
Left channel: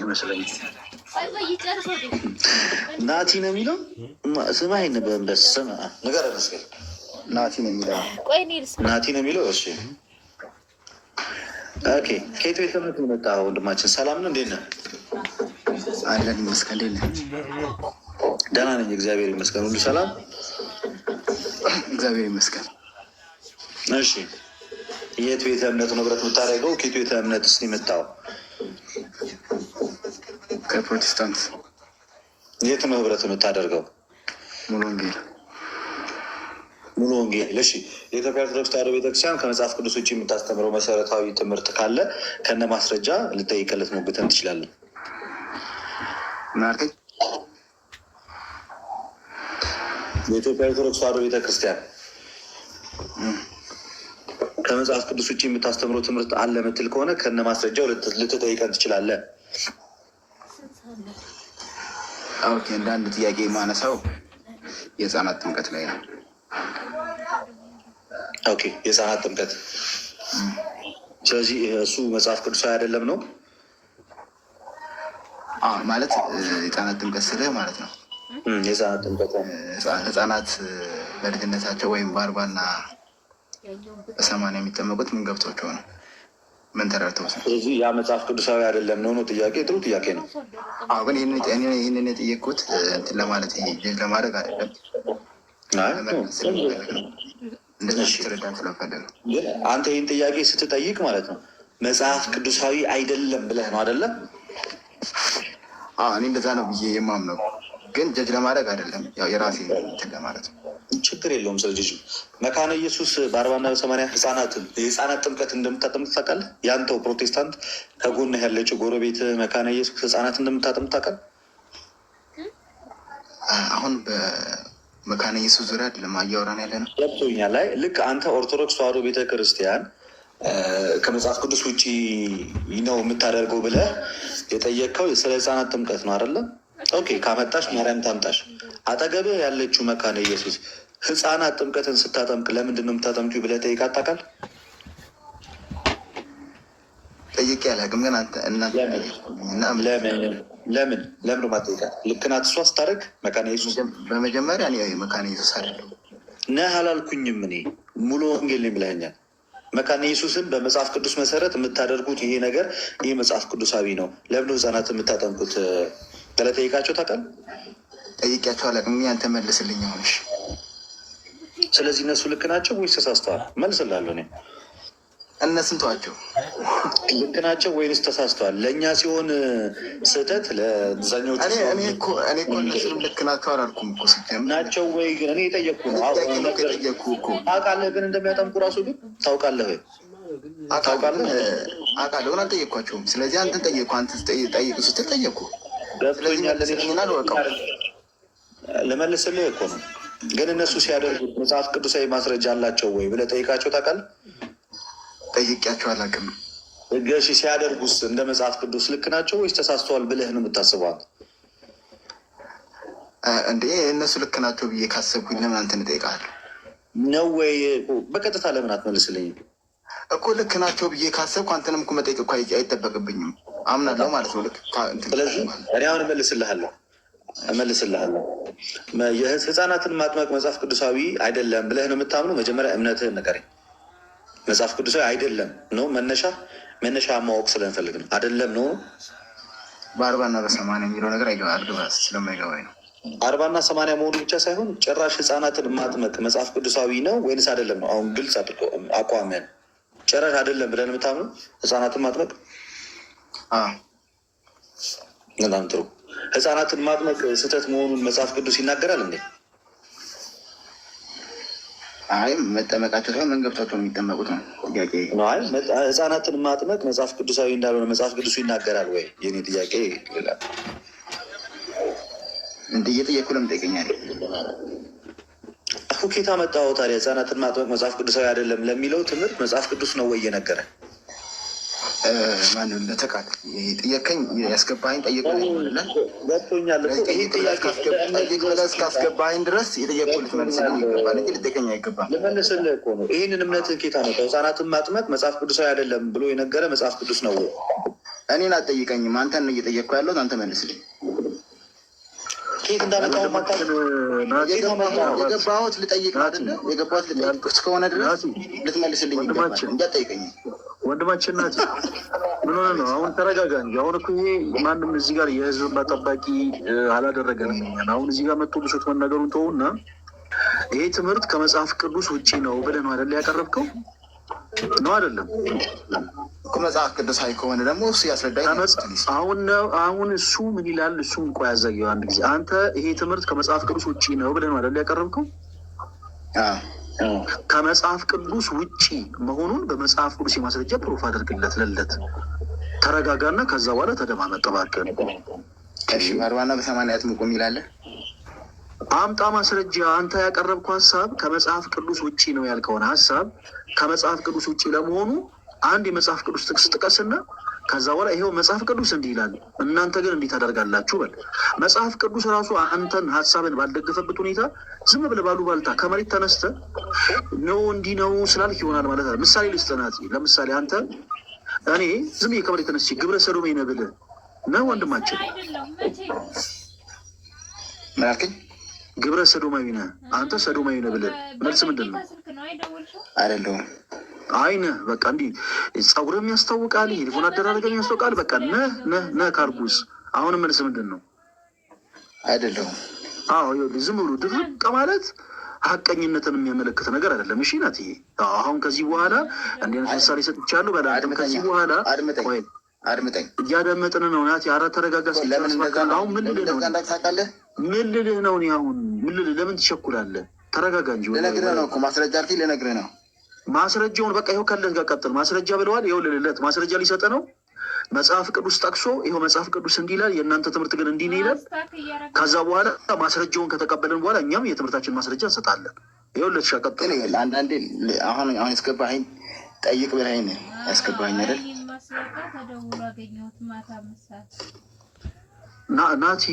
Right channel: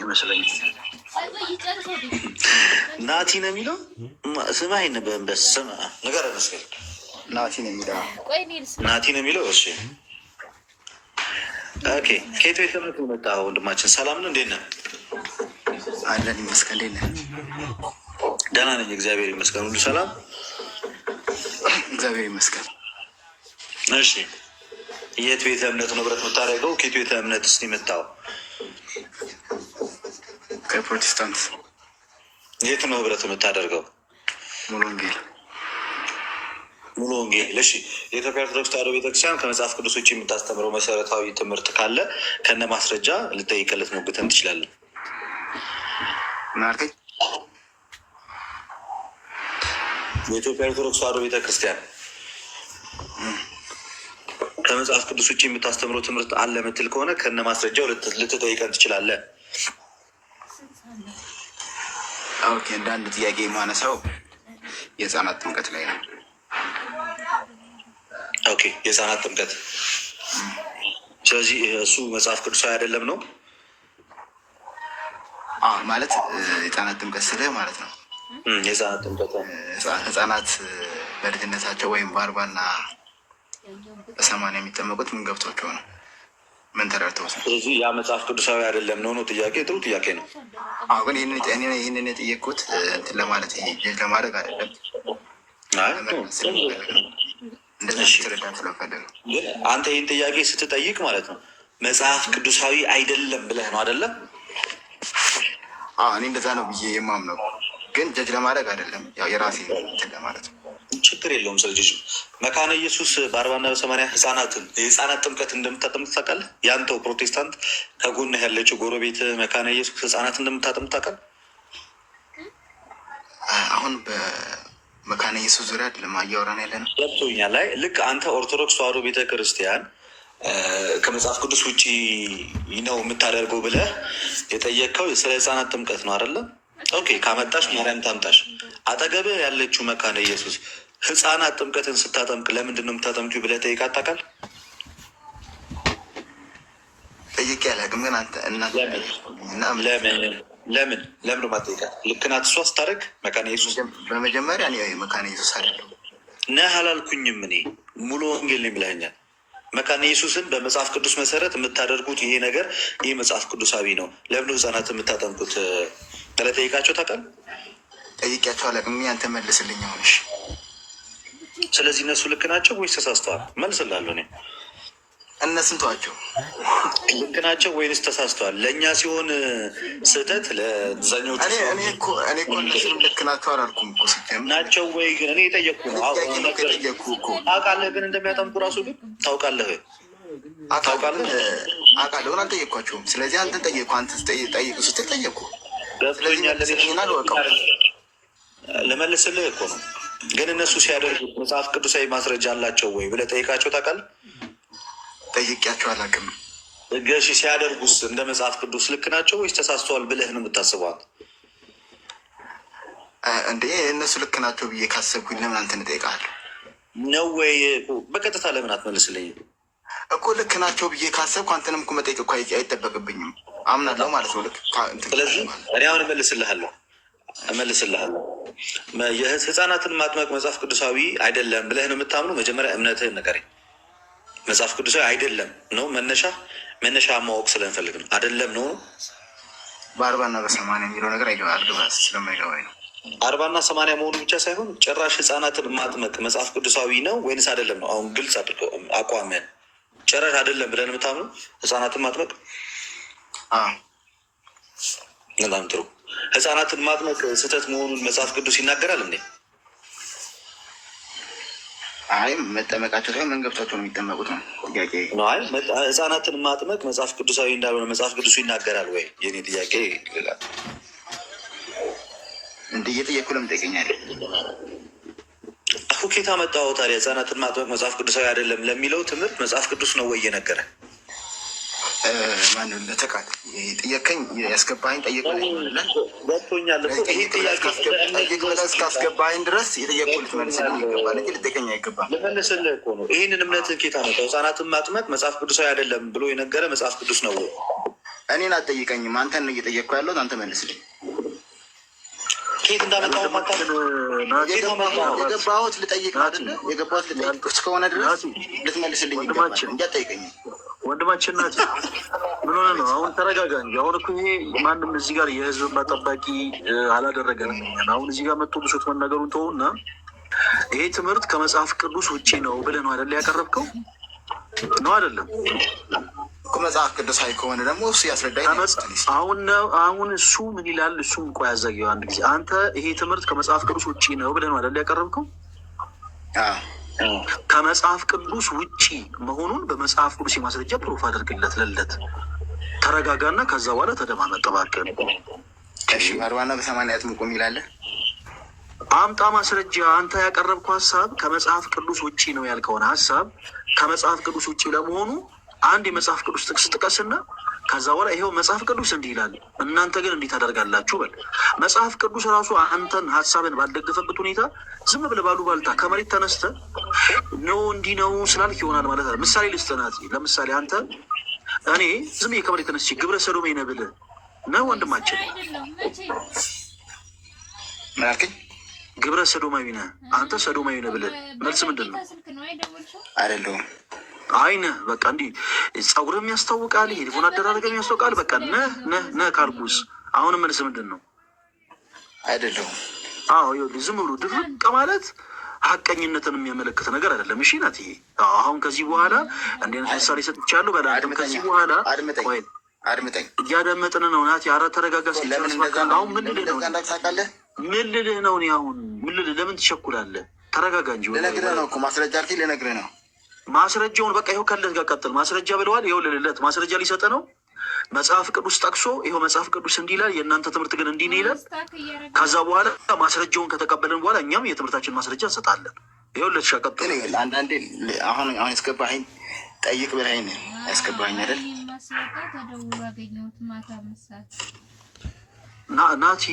ይመስለኛል። ናቲ ነው የሚለው ስምህ አይነበብም። በስመ አብ ነገር መስገን ናቲ ነው የሚለው ናቲ ነው የሚለው። እሺ ኦኬ። ከየት ቤት ለምት መጣ ወንድማችን? ሰላም ነው? እንዴት ነህ? አለን ይመስገን። እንዴት ነህ? ደህና ነኝ እግዚአብሔር ይመስገን። ሁሉ ሰላም እግዚአብሔር ይመስገን። እሺ የት ቤተ እምነት ነው ህብረት የምታደርገው? ከየት ቤተ እምነት ስ የመጣው? ከፕሮቴስታንት። የት ነው ህብረት የምታደርገው? ሙሉ ወንጌል። ሙሉ ወንጌል። እሺ የኢትዮጵያ ኦርቶዶክስ ተዋሕዶ ቤተክርስቲያን ከመጽሐፍ ቅዱስ ውጭ የምታስተምረው መሰረታዊ ትምህርት ካለ ከነ ማስረጃ ልጠይቅለት ሞግተን ትችላለን። ምን አልከኝ? የኢትዮጵያ ኦርቶዶክስ ተዋሕዶ ቤተክርስቲያን ከመጽሐፍ ቅዱስ ውጭ የምታስተምረው ትምህርት አለ ምትል ከሆነ ከነ ማስረጃው ልትጠይቀን ትችላለህ። ኦኬ። እንደ አንድ ጥያቄ የማነሳው የህፃናት ጥምቀት ላይ ነው። ኦኬ የህፃናት ጥምቀት። ስለዚህ እሱ መጽሐፍ ቅዱሳዊ አይደለም ነው ማለት የህፃናት ጥምቀት ስልህ ማለት ነው። የህፃናት ጥምቀት ህፃናት በልጅነታቸው ወይም በ40 እና በ80 የሚጠመቁት ምን ገብቷቸው ነው? ምን ተረድተው ነው? ስለዚህ ያ መጽሐፍ ቅዱሳዊ አይደለም ነው ጥያቄ። ጥሩ ጥያቄ ነው። ግን ይህንን የጠየቅኩት እንትን ለማለት ለማድረግ አይደለም። ግን አንተ ይህን ጥያቄ ስትጠይቅ ማለት ነው መጽሐፍ ቅዱሳዊ አይደለም ብለህ ነው አይደለም? እኔ እንደዛ ነው ብዬ የማምነው፣ ግን ጀጅ ለማድረግ አይደለም። ያው የራሴ እንትን ለማለት ነው። ችግር የለውም። ስለዚህ መካነ ኢየሱስ በ40 እና በ80 ህፃናትን የህፃናት ጥምቀት እንደምታጠምቅ ታውቃለህ? ያንተው ፕሮቴስታንት ከጎንህ ያለችው ጎረቤት መካነ ኢየሱስ ህፃናት እንደምታጠምቅ ታውቃለህ? አሁን በመካነ ኢየሱስ ዙሪያ ለማያወራን ያለ ነው። ገብቶኛል። ላይ ልክ አንተ ኦርቶዶክስ ተዋሕዶ ቤተክርስቲያን ከመጽሐፍ ቅዱስ ውጭ ነው የምታደርገው ብለህ የጠየቅከው ስለ ህፃናት ጥምቀት ነው አይደለም? ኦኬ ካመጣሽ ማርያም ታምጣሽ። አጠገብህ ያለችው መካነ ኢየሱስ ህፃናት ጥምቀትን ስታጠምቅ ለምንድን ነው የምታጠምቂው ብለህ ጠይቃት ታውቃለህ? ጠይቄ አላውቅም። ግን አንተ ለምን ማጠይቃት? ልክ ናት እሷ ስታደርግ መካነ ኢየሱስ። በመጀመሪያ መካነ ኢየሱስ አይደለሁም ነህ አላልኩኝም። እኔ ሙሉ ወንጌል ነው የሚለኛል። መካነ ኢየሱስን በመጽሐፍ ቅዱስ መሰረት የምታደርጉት ይሄ ነገር ይህ መጽሐፍ ቅዱሳዊ ነው፣ ለምን ህፃናት የምታጠምቁት ብለህ ጠይቃቸው ታውቃለህ? ጠይቄያቸው አላውቅም። አንተ መልስልኝ። ሆንሽ ስለዚህ እነሱ ልክ ናቸው ወይስ ተሳስተዋል? መልስላለሁ እኔ። እነሱን ተዋቸው። ልክ ናቸው ወይንስ ተሳስተዋል? ለእኛ ሲሆን ስህተት፣ ለዛኞቹ እኔ እኮ እነሱንም ልክ ናቸው አላልኩም እኮ ሲጀምር ናቸው ወይ ግን እኔ የጠየቅኩ ነው። ታውቃለህ ግን እንደሚያጠምቁ ራሱ ግን ታውቃለህ አውቃለሁ ግን አልጠየቅኳቸውም። ስለዚህ አንተን ጠየቅኩ። አንተን ጠይቅ ስትል ጠየቅኩ። ገብቶኛል። ልወቀው ልመልስልህ እኮ ነው። ግን እነሱ ሲያደርጉት መጽሐፍ ቅዱሳዊ ማስረጃ አላቸው ወይ ብለህ ጠይቃቸው ታውቃለህ? ጠይቄያቸው አላውቅም። እገሺ ሲያደርጉስ እንደ መጽሐፍ ቅዱስ ልክ ናቸው ወይስ ተሳስተዋል ብለህ ነው የምታስበዋል? እንዴ እነሱ ልክ ናቸው ብዬ ካሰብኩኝ ለምን አንተን እጠይቅሃለሁ? ነው ወይ በቀጥታ ለምን አትመልስልኝም? እኮ ልክ ናቸው ብዬ ካሰብኩ አንተንም እኮ መጠየቅ እኮ አይጠበቅብኝም። አምናለሁ ማለት ነው። ስለዚህ እኔ አሁን እመልስልሃለሁ። የህፃናትን ማጥመቅ መጽሐፍ ቅዱሳዊ አይደለም ብለህ ነው የምታምኑ? መጀመሪያ እምነትህን ንገረኝ። መጽሐፍ ቅዱሳዊ አይደለም ነው መነሻ ማወቅ ስለንፈልግ ነው። አይደለም ነው 40 እና 80 የሚለው ነገር አልገባ ስለማይገባኝ ነው። 40 እና 80 መሆኑ ብቻ ሳይሆን ጭራሽ ህፃናትን ማጥመቅ መጽሐፍ ቅዱሳዊ ነው ወይንስ አይደለም ነው? አሁን ግልጽ አድርገው አቋምን። ጭራሽ አይደለም ብለን የምታምኑ ህፃናትን ማጥመቅ? በጣም ጥሩ። ህፃናትን ማጥመቅ ስህተት መሆኑን መጽሐፍ ቅዱስ ይናገራል እንዴ? አይ መጠመቃቸው ሳይሆን መንገብታቸው ነው የሚጠመቁት ነው ጥያቄ። ህፃናትን ማጥመቅ መጽሐፍ ቅዱሳዊ እንዳልሆነ መጽሐፍ ቅዱሱ ይናገራል ወይ? የኔ ጥያቄ ሌላ እንደ እየጠየኩ ለምን ጠይቀኛለህ? ኬታ መጣሁ ታዲያ። ህፃናትን ማጥመቅ መጽሐፍ ቅዱሳዊ አይደለም ለሚለው ትምህርት መጽሐፍ ቅዱስ ነው ወይ እየነገረ? ማን ለተቃል ጥያቄኝ ያስገባኝ ጠይቅ ገብቶኛል። እስካስገባኝ ድረስ የጠየቁ ልትመልስልኝ ይገባል እንጂ ልጠይቀኝ አይገባም። ልመልስልህ እኮ ነው። ይህንን እምነትን ኬታ መጣሁ። ህፃናትን ማጥመቅ መጽሐፍ ቅዱሳዊ አይደለም ብሎ የነገረ መጽሐፍ ቅዱስ ነው ወይ? እኔን አትጠይቀኝም። አንተን ነው እየጠየቅኩ ያለሁት። አንተ መልስልኝ። ኬት እንዳመጣሁ የገባሁት ልጠይቅ አይደለ? የገባሁት ልጠይቅ እስከሆነ ድረስ ልትመልስልኝ ይገባል እንጂ አትጠይቀኝም። ወንድማችን ናት። ምን ሆነ ነው? አሁን ተረጋጋ እንጂ። አሁን እኮ ይሄ ማንም እዚህ ጋር የህዝብ ጠባቂ አላደረገንም። አሁን እዚህ ጋር መጥቶ ብሶት መናገሩን ተውና፣ ይሄ ትምህርት ከመጽሐፍ ቅዱስ ውጭ ነው ብለህ ነው አይደለ ያቀረብከው? ነው አይደለም? መጽሐፍ ቅዱሳዊ ከሆነ ደግሞ እሱ ያስረዳኝ። አሁን እሱ ምን ይላል? እሱም ቆይ ያዘገየው አንድ ጊዜ። አንተ ይሄ ትምህርት ከመጽሐፍ ቅዱስ ውጭ ነው ብለህ ነው አይደለ ያቀረብከው? ከመጽሐፍ ቅዱስ ውጪ መሆኑን በመጽሐፍ ቅዱስ የማስረጃ ፕሩፍ አድርግለት። ለለት ተረጋጋና ከዛ በኋላ ተደማመጥ እባክህ። 40 እና 80 አጥምቁም ይላል። አምጣ ማስረጃ። አንተ ያቀረብከው ሀሳብ ከመጽሐፍ ቅዱስ ውጪ ነው ያልከውን ሀሳብ ከመጽሐፍ ቅዱስ ውጪ ለመሆኑ አንድ የመጽሐፍ ቅዱስ ጥቅስ ጥቀስና ከዛ በኋላ ይሄው መጽሐፍ ቅዱስ እንዲህ ይላል፣ እናንተ ግን እንዲህ ታደርጋላችሁ በል። መጽሐፍ ቅዱስ ራሱ አንተን ሀሳብን ባልደገፈበት ሁኔታ ዝም ብለህ ባሉባልታ ከመሬት ተነስተህ ነው እንዲህ ነው ስላልክ ይሆናል ማለት ነው። ምሳሌ ልስጥናት። ለምሳሌ አንተ እኔ ዝም ብዬ ከመሬት ተነስቼ ግብረ ሰዶሜ ነህ ብልህ ነው ወንድማችን። ምን አልከኝ? ግብረ ሰዶማዊ ነህ አንተ፣ ሰዶማዊ ነህ ብልህ መልስ ምንድን ነው? አይደለሁም። አይነ በቃ እንዲህ ጸጉርም ያስታውቃል፣ ሄድፎን አደራረግም ያስታውቃል። በቃ ነህ ካልኩስ አሁንም መልስ ምንድን ነው? አይደለሁም። አዎ ዝም ብሎ ድርቅ ማለት ሀቀኝነትን የሚያመለክት ነገር አይደለም። እሺ ናት ይሄ። አሁን ከዚህ በኋላ እንዲህ አይነት ምሳሌ ሰጥቻለሁ። በላም ከዚህ በኋላ አድምጠኝ። እያደመጥን ነው ናት። ኧረ ተረጋጋ። አሁን ምን ልልህ ነው? ምን ልልህ ነው? አሁን ምን ልልህ? ለምን ትቸኩላለህ? ተረጋጋ እንጂ። ልነግርህ ነው እኮ ማስረጃ አልከኝ፣ ልነግርህ ነው። ማስረጃውን በቃ ይኸው ከለት ጋር ቀጥል። ማስረጃ ብለዋል። ይኸው ልልለት ማስረጃ ሊሰጥ ነው። መጽሐፍ ቅዱስ ጠቅሶ ይኸው መጽሐፍ ቅዱስ እንዲህ ይላል፣ የእናንተ ትምህርት ግን እንዲህ ነው ይላል። ከዛ በኋላ ማስረጃውን ከተቀበልን በኋላ እኛም የትምህርታችን ማስረጃ እንሰጣለን። ይኸው ልትሻ ቀጥል። አንዳንዴ አሁን ያስገባኸኝ ጠይቅ ብለኸኝ ያስገባኸኝ አይደል? ናቲ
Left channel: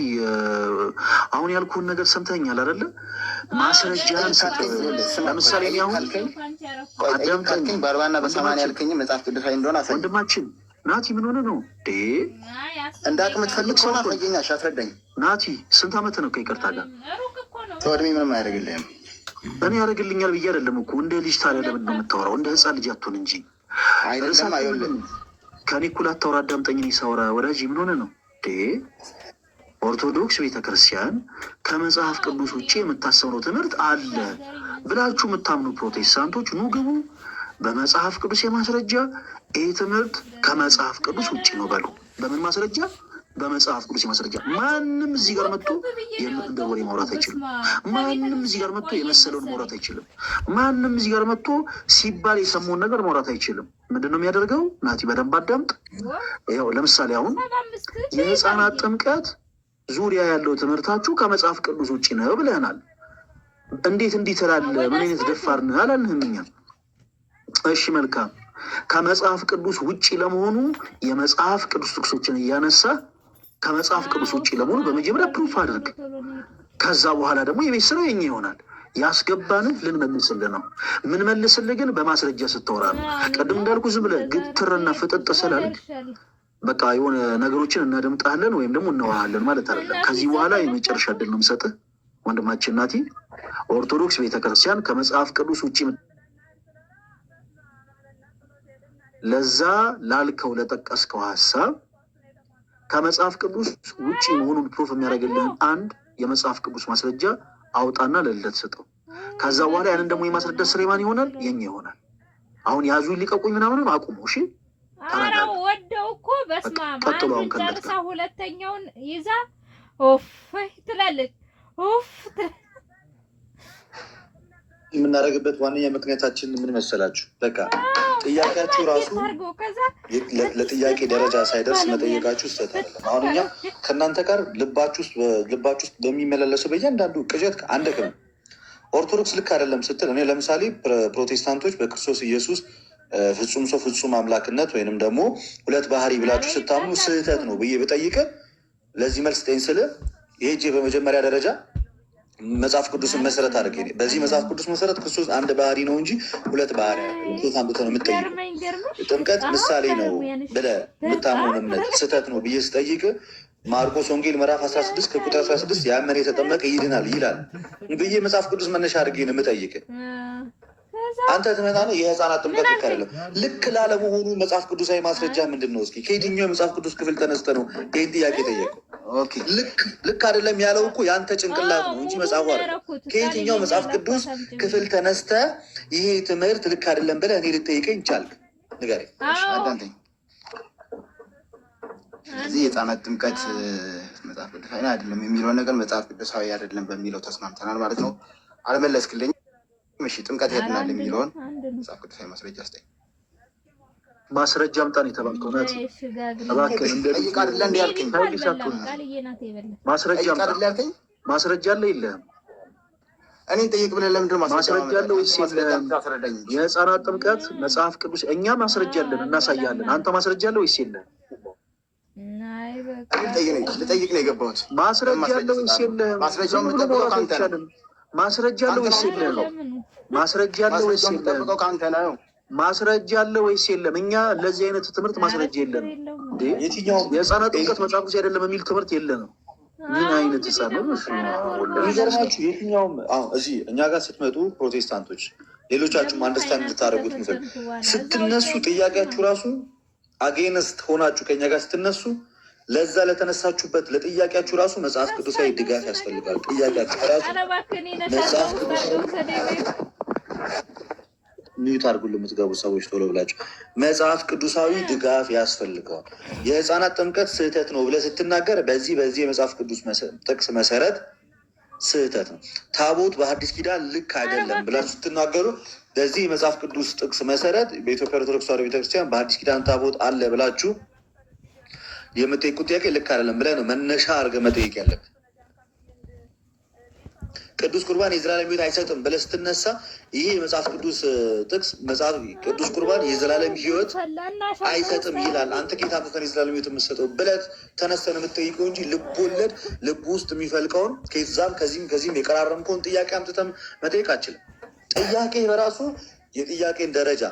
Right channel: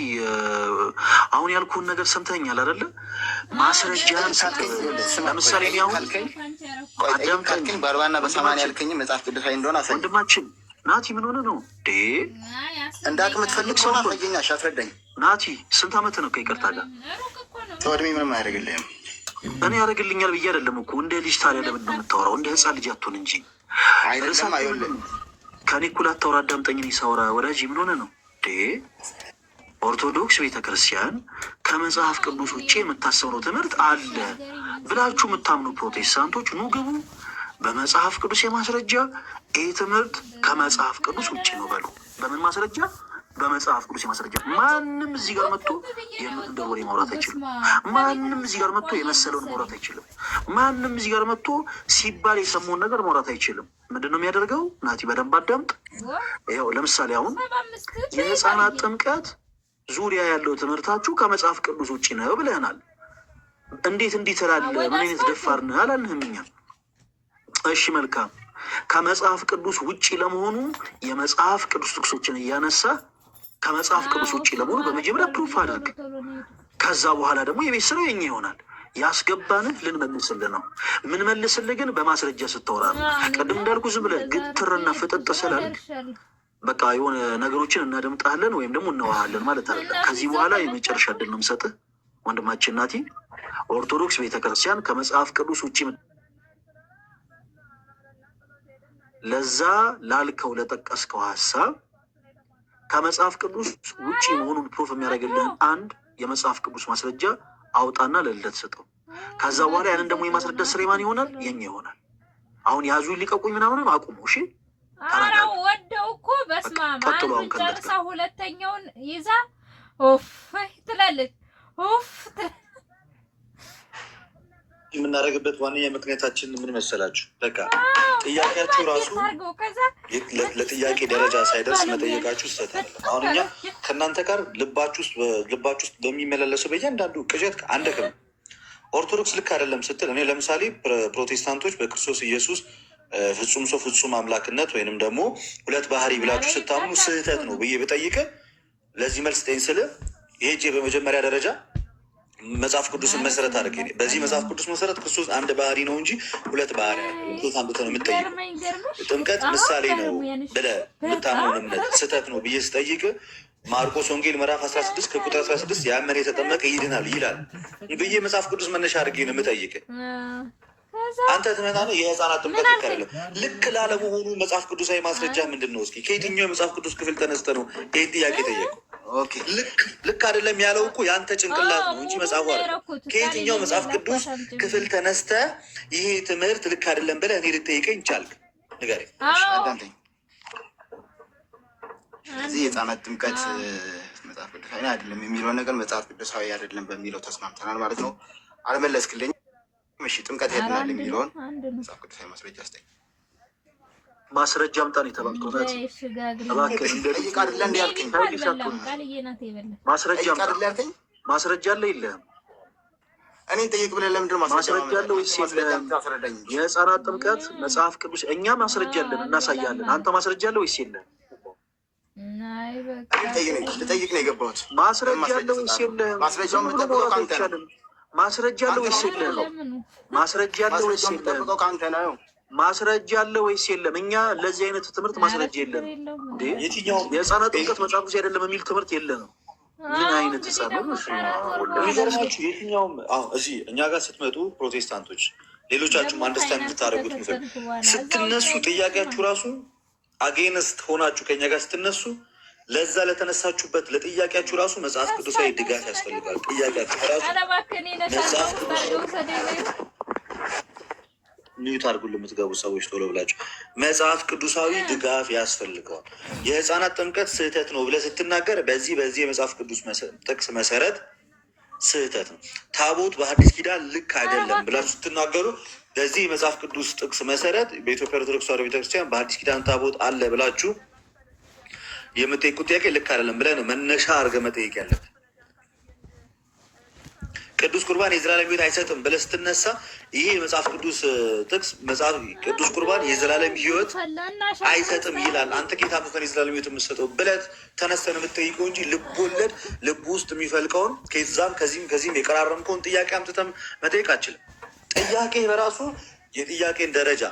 አሁን ያልኩህን ነገር ሰምተኛል አይደለ? ማስረጃን ሰጥ። ለምሳሌ አሁን አዳምጠኝ። 40 እና 80 ያልከኝ መጽሐፍ ቅዱሳዊ እንደሆነ አሳይ። ወንድማችን ናቲ ምን ሆነ ነው እንደ አቅም ትፈልግ ሰው አሳየኛሽ፣ አስረዳኝ። ናቲ ስንት ዓመት ነው? ከይቅርታ ጋር ተወድሜ ምንም አያደርግልህም። እኔ ያደርግልኛል ብዬ አይደለም እኮ። እንደ ልጅ ታዲያ ለምን ነው የምታወራው? እንደ ህፃን ልጅ አትሆን እንጂ። አይደለም አይወልም። ከኔ እኩል አታወራ። አዳምጠኝ። እኔ ሳወራ ወዳጅ ምን ሆነ ነው? ኦርቶዶክስ ቤተክርስቲያን ከመጽሐፍ ቅዱስ ውጭ የምታሰብነው ትምህርት አለ ብላችሁ የምታምኑ ፕሮቴስታንቶች ኑ ግቡ። በመጽሐፍ ቅዱስ የማስረጃ ይህ ትምህርት ከመጽሐፍ ቅዱስ ውጭ ነው በሉ። በምን ማስረጃ? በመጽሐፍ ቅዱስ የማስረጃ። ማንም እዚህ ጋር መጥቶ እንደ ወሬ ማውራት አይችልም። ማንም እዚህ ጋር መጥቶ የመሰለውን ማውራት አይችልም። ማንም እዚህ ጋር መጥቶ ሲባል የሰማውን ነገር ማውራት አይችልም። ምንድን ነው የሚያደርገው? ናቲ በደንብ አዳምጥ። ይኸው ለምሳሌ አሁን የህፃናት ጥምቀት ዙሪያ ያለው ትምህርታችሁ ከመጽሐፍ ቅዱስ ውጭ ነው ብለናል። እንዴት እንዲህ ትላለህ? ምን አይነት ደፋር ነህ አላልንህም እኛ። እሺ መልካም። ከመጽሐፍ ቅዱስ ውጭ ለመሆኑ የመጽሐፍ ቅዱስ ጥቅሶችን እያነሳ ከመጽሐፍ ቅዱስ ውጭ ለመሆኑ በመጀመሪያ ፕሩፍ አድርግ። ከዛ በኋላ ደግሞ የቤት ስራው የኛ ይሆናል። ያስገባንህ ልንመልስልህ ነው። ምን መልስልህ ግን በማስረጃ ስታወራ ነው። ቅድም እንዳልኩ ዝም ብለህ ግትርና ፍጥጥ ስላልክ በቃ የሆነ ነገሮችን እናደምጣለን ወይም ደግሞ እናወራለን ማለት አይደለም። ከዚህ በኋላ የመጨረሻ እድል ነው የምሰጥህ ወንድማችን ናቲ። ኦርቶዶክስ ቤተክርስቲያን ከመጽሐፍ ቅዱስ ውጭ ለዛ ላልከው ለጠቀስከው ሀሳብ ከመጽሐፍ ቅዱስ ውጭ መሆኑን ፕሩፍ የሚያደርግልህን አንድ የመጽሐፍ ቅዱስ ማስረጃ አውጣና ለልደት ስጠው። ከዛ በኋላ ያንን ደግሞ የማስረዳት ስራ ማን ይሆናል? የኛ ይሆናል። አሁን ያዙ ሊቀቁኝ ምናምንም አቁሙ። እሺ ወደው እኮ በስማማ ጨርሳ ሁለተኛውን ይዛ ኦፍ ትላለች። ኦፍ የምናደርግበት ዋነኛ ምክንያታችን ምን መሰላችሁ? በቃ ጥያቄያችሁ ራሱ ለጥያቄ ደረጃ ሳይደርስ መጠየቃችሁ ይስተታል። አሁን እኛ ከእናንተ ጋር ልባችሁ ውስጥ በሚመላለሰው በእያንዳንዱ ቅዠት አንደክም። ኦርቶዶክስ ልክ አይደለም ስትል እኔ ለምሳሌ ፕሮቴስታንቶች በክርስቶስ ኢየሱስ ፍጹም ሰው ፍጹም አምላክነት ወይንም ደግሞ ሁለት ባህሪ ብላችሁ ስታምኑ ስህተት ነው ብዬ ብጠይቅ ለዚህ መልስ ጠኝ ስል ይሄ በመጀመሪያ ደረጃ መጽሐፍ ቅዱስን መሰረት አድርገ በዚህ መጽሐፍ ቅዱስ መሰረት ክርስቶስ አንድ ባህሪ ነው እንጂ ሁለት ባህሪ አንብቶ ነው የምጠይቀው። ጥምቀት ምሳሌ ነው ብለህ የምታምነውን እምነት ስህተት ነው ብዬ ስጠይቅ ማርቆስ ወንጌል ምዕራፍ 16 ከቁጥር 16 ያመነ የተጠመቀ ይድናል ይላል ብዬ መጽሐፍ ቅዱስ መነሻ አድርጌ ነው የምጠይቅ። አንተ ትመጣ ነው የህፃናት ጥምቀት ልክ አይደለም። ልክ ላለመሆኑ መጽሐፍ ቅዱሳዊ ማስረጃ ምንድን ነው? እስኪ ከየትኛው የመጽሐፍ ቅዱስ ክፍል ተነስተ ነው ይህን ጥያቄ ጠየቀው? ልክ አይደለም ያለው እኮ የአንተ ጭንቅላት ነው እንጂ መጽሐፉ አይደለም። ከየትኛው መጽሐፍ ቅዱስ ክፍል ተነስተ ይሄ ትምህርት ልክ አይደለም ብለህ እኔ ልጠይቀኝ ቻልክ? ንገረኝ። እዚህ የህፃናት ጥምቀት መጽሐፍ ቅዱሳዊ አይደለም የሚለውን ነገር መጽሐፍ ቅዱሳዊ አይደለም በሚለው ተስማምተናል ማለት ነው። አልመለስክልኝ። እሺ ጥምቀት ያድናል የሚለውን መጽሐፍ ቅዱሳዊ ማስረጃ አስጠኝ። ማስረጃ አምጣን የተባልከው ናት። ጠይቅ አይደለ እንዲ ያልከኝ? ማስረጃ አምጣ። ማስረጃ አለ የለህም? እኔን ጠይቅ ብለህ ለምንድን ነው ማስረጃ አለ ወይስ የለህም? የህፃናት ጥምቀት መጽሐፍ ቅዱስ እኛ ማስረጃ አለን እናሳያለን። አንተ ማስረጃ አለ ወይስ የለህም? ልጠይቅ ነው የገባሁት። ማስረጃ አለ ወይስ የለህም? ማስረጃውን የምጠብቀው ከአንተ ነው። ማስረጃ አለ ወይስ የለህም? ማስረጃ አለ ወይስ የለህም? ከአንተ ነው። ማስረጃ አለ ወይስ የለም? እኛ ለዚህ አይነት ትምህርት ማስረጃ የለም። የህፃናት ጥምቀት መጽሐፍ ቅዱስ አይደለም የሚል ትምህርት የለንም። ምን አይነት ህፃን ነው? የሚገርማችሁ የትኛውም እዚህ እኛ ጋር ስትመጡ ፕሮቴስታንቶች፣ ሌሎቻችሁም አንደርስታንድ እንድታደርጉት ምፈል ስትነሱ ጥያቄያችሁ ራሱ አጌንስት ሆናችሁ ከኛ ጋር ስትነሱ ለዛ ለተነሳችሁበት ለጥያቄያችሁ ራሱ መጽሐፍ ቅዱሳዊ ድጋፍ ያስፈልጋል። ጥያቄያችሁ ራሱ መጽሐፍ ቅዱሳዊ ኒውት አድርጉን ለምትገቡ ሰዎች ቶሎ ብላችሁ መጽሐፍ ቅዱሳዊ ድጋፍ ያስፈልገዋል። የህፃናት ጥምቀት ስህተት ነው ብለህ ስትናገር በዚህ የመጽሐፍ ቅዱስ ጥቅስ መሰረት ስህተት ነው። ታቦት በሐዲስ ኪዳን ልክ አይደለም ብላችሁ ስትናገሩ በዚህ የመጽሐፍ ቅዱስ ጥቅስ መሰረት በኢትዮጵያ ኦርቶዶክስ ተዋሕዶ ቤተክርስቲያን በሐዲስ ኪዳን ታቦት አለ ብላችሁ የምጠይቁት ጥያቄ ልክ አይደለም ብለህ ነው መነሻ አድርገህ መጠየቅ ያለብህ። ቅዱስ ቁርባን የዘላለም ሕይወት አይሰጥም ብለህ ስትነሳ ይሄ መጽሐፍ ቅዱስ ጥቅስ ቅዱስ ቁርባን የዘላለም ሕይወት አይሰጥም ይላል። አንተ ጌታ አምጥተን የዘላለም ሕይወት የምትሰጠው ብለህ ተነስተን የምትጠይቀው እንጂ ልብ ወለድ ልብ ውስጥ የሚፈልቀውን ከዛም ከዚህም የቀራረምከውን ጥያቄ አምጥተን መጠየቅ አችልም። ጥያቄ በራሱ የጥያቄን ደረጃ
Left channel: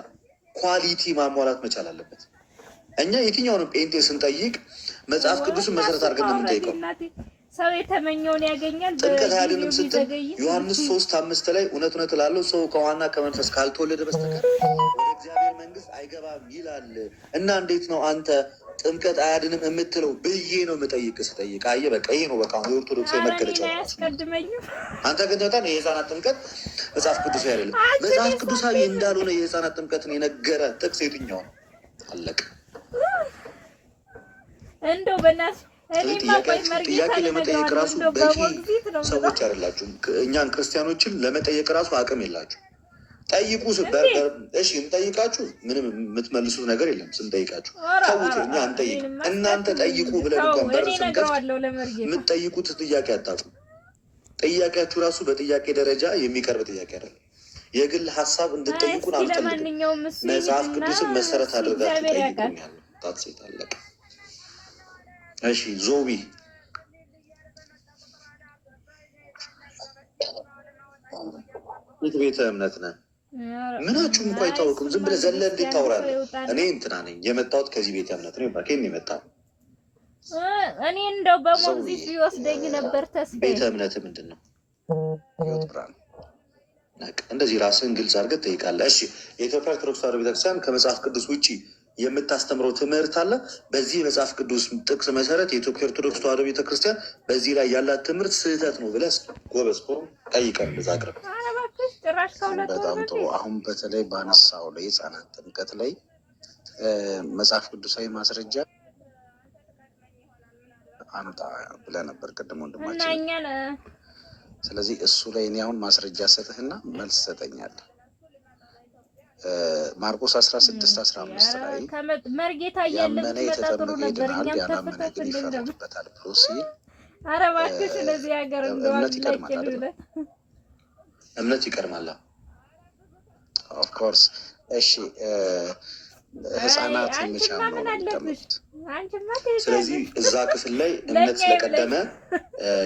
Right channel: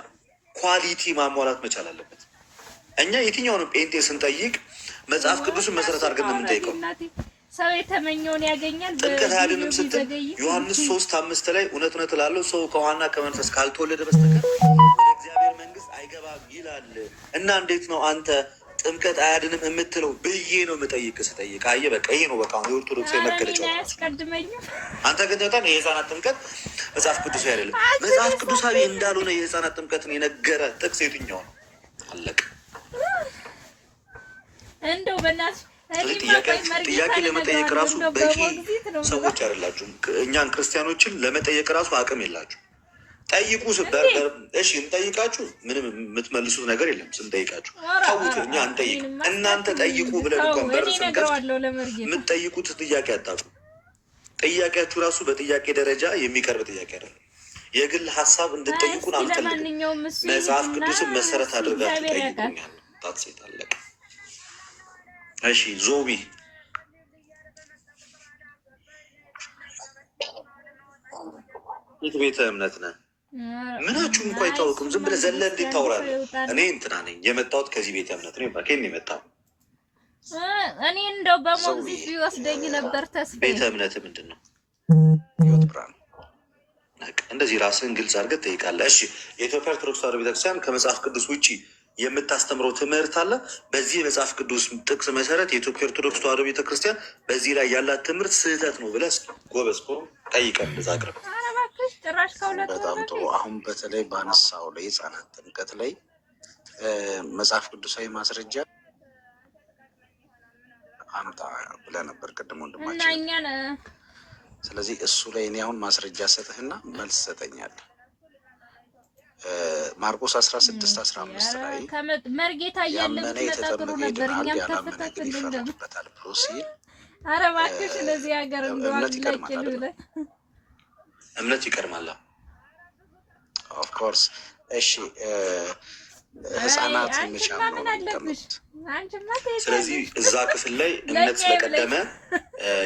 ኳሊቲ ማሟላት መቻል አለበት። እኛ የትኛውንም ጴንጤ ስንጠይቅ መጽሐፍ ቅዱስን መሰረት አድርገን ነው የምንጠይቀው። ሰው የተመኘውን ያገኛል። ጥምቀት አያድንም ስትል ዮሐንስ 3:5 ላይ እውነት እውነት እላለሁ ሰው ከውሃና ከመንፈስ ካልተወለደ በስተቀር ወደ እግዚአብሔር መንግስት አይገባም ይላል። እና እንዴት ነው አንተ ጥምቀት አያድንም የምትለው ብዬ ነው የምጠይቅ። ስጠይቅ አየህ በቃ ይሄ ነው በቃ የኦርቶዶክስ መገለጫው። አንተ ግን በጣም የህፃናት ጥምቀት መጽሐፍ ቅዱሳዊ አይደለም። መጽሐፍ ቅዱሳዊ እንዳልሆነ የህፃናት ጥምቀትን የነገረ ጥቅስ የትኛው ነው? አለቀ። እንደው በእናትህ ጥያቄ ለመጠየቅ ራሱ በቂ ሰዎች አይደላችሁም። እኛን ክርስቲያኖችን ለመጠየቅ ራሱ አቅም የላችሁ። ጠይቁ ስበር እሺ እንጠይቃችሁ፣ ምንም የምትመልሱት ነገር የለም። ስንጠይቃችሁ ተውት፣ እኛ እንጠይቅ፣ እናንተ ጠይቁ ብለን እንኳን በር ስንከፍት የምትጠይቁት ጥያቄ አታውቁም። ጥያቄያችሁ ራሱ በጥያቄ ደረጃ የሚቀርብ ጥያቄ አይደለም። የግል ሀሳብ እንድጠይቁን አንፈልግም። መጽሐፍ ቅዱስን መሰረት አድርጋችሁ ጠይቁኛል። ሴት አለቀ። እሺ ዞቢ የት ቤተ እምነት ነህ? ምናችሁም እንኳ አይታወቅም። ዝም ብለህ ዘለ እንዴት ታወራለህ? እኔ እንትና ነኝ የመጣሁት ከዚህ ቤተ እምነት ነው። ባኬን የመጣው እኔ እንደው በሞግዚት ሊወስደኝ ነበር። ተስፋ ቤተ እምነት ምንድን ነው? ህይወት ብርሃን። እንደዚህ ራስህን ግልጽ አድርገህ ትጠይቃለህ። እሺ የኢትዮጵያ ኦርቶዶክስ ተዋሕዶ ቤተክርስቲያን ከመጽሐፍ ቅዱስ ውጭ የምታስተምረው ትምህርት አለ? በዚህ የመጽሐፍ ቅዱስ ጥቅስ መሰረት የኢትዮጵያ ኦርቶዶክስ ተዋሕዶ ቤተክርስቲያን በዚህ ላይ ያላት ትምህርት ስህተት ነው ብለህ ጎበዝ ፎርም ጠይቀን እንደዛ አቅርብ። በጣም ጥሩ። አሁን በተለይ በአነሳው ላይ ህጻናት ጥምቀት ላይ መጽሐፍ ቅዱሳዊ ማስረጃ አምጣ ብለህ ነበር ቅድም ወንድማችን። ስለዚህ እሱ ላይ እኔ አሁን ማስረጃ ሰጥህና መልስ ሰጠኛለህ። ማርቆስ 16:15 ላይ ያመነ የተጠመቀ ይድናል፣ ያላመነ ግን ይፈረድበታል ብሎ ሲል እምነት ይቀድማል አይደል? እምነት ይቀድማል። ኦፍኮርስ። እሺ ህፃናት መቻም ነው የሚጠመቁት። ስለዚህ እዛ ክፍል ላይ እምነት ስለቀደመ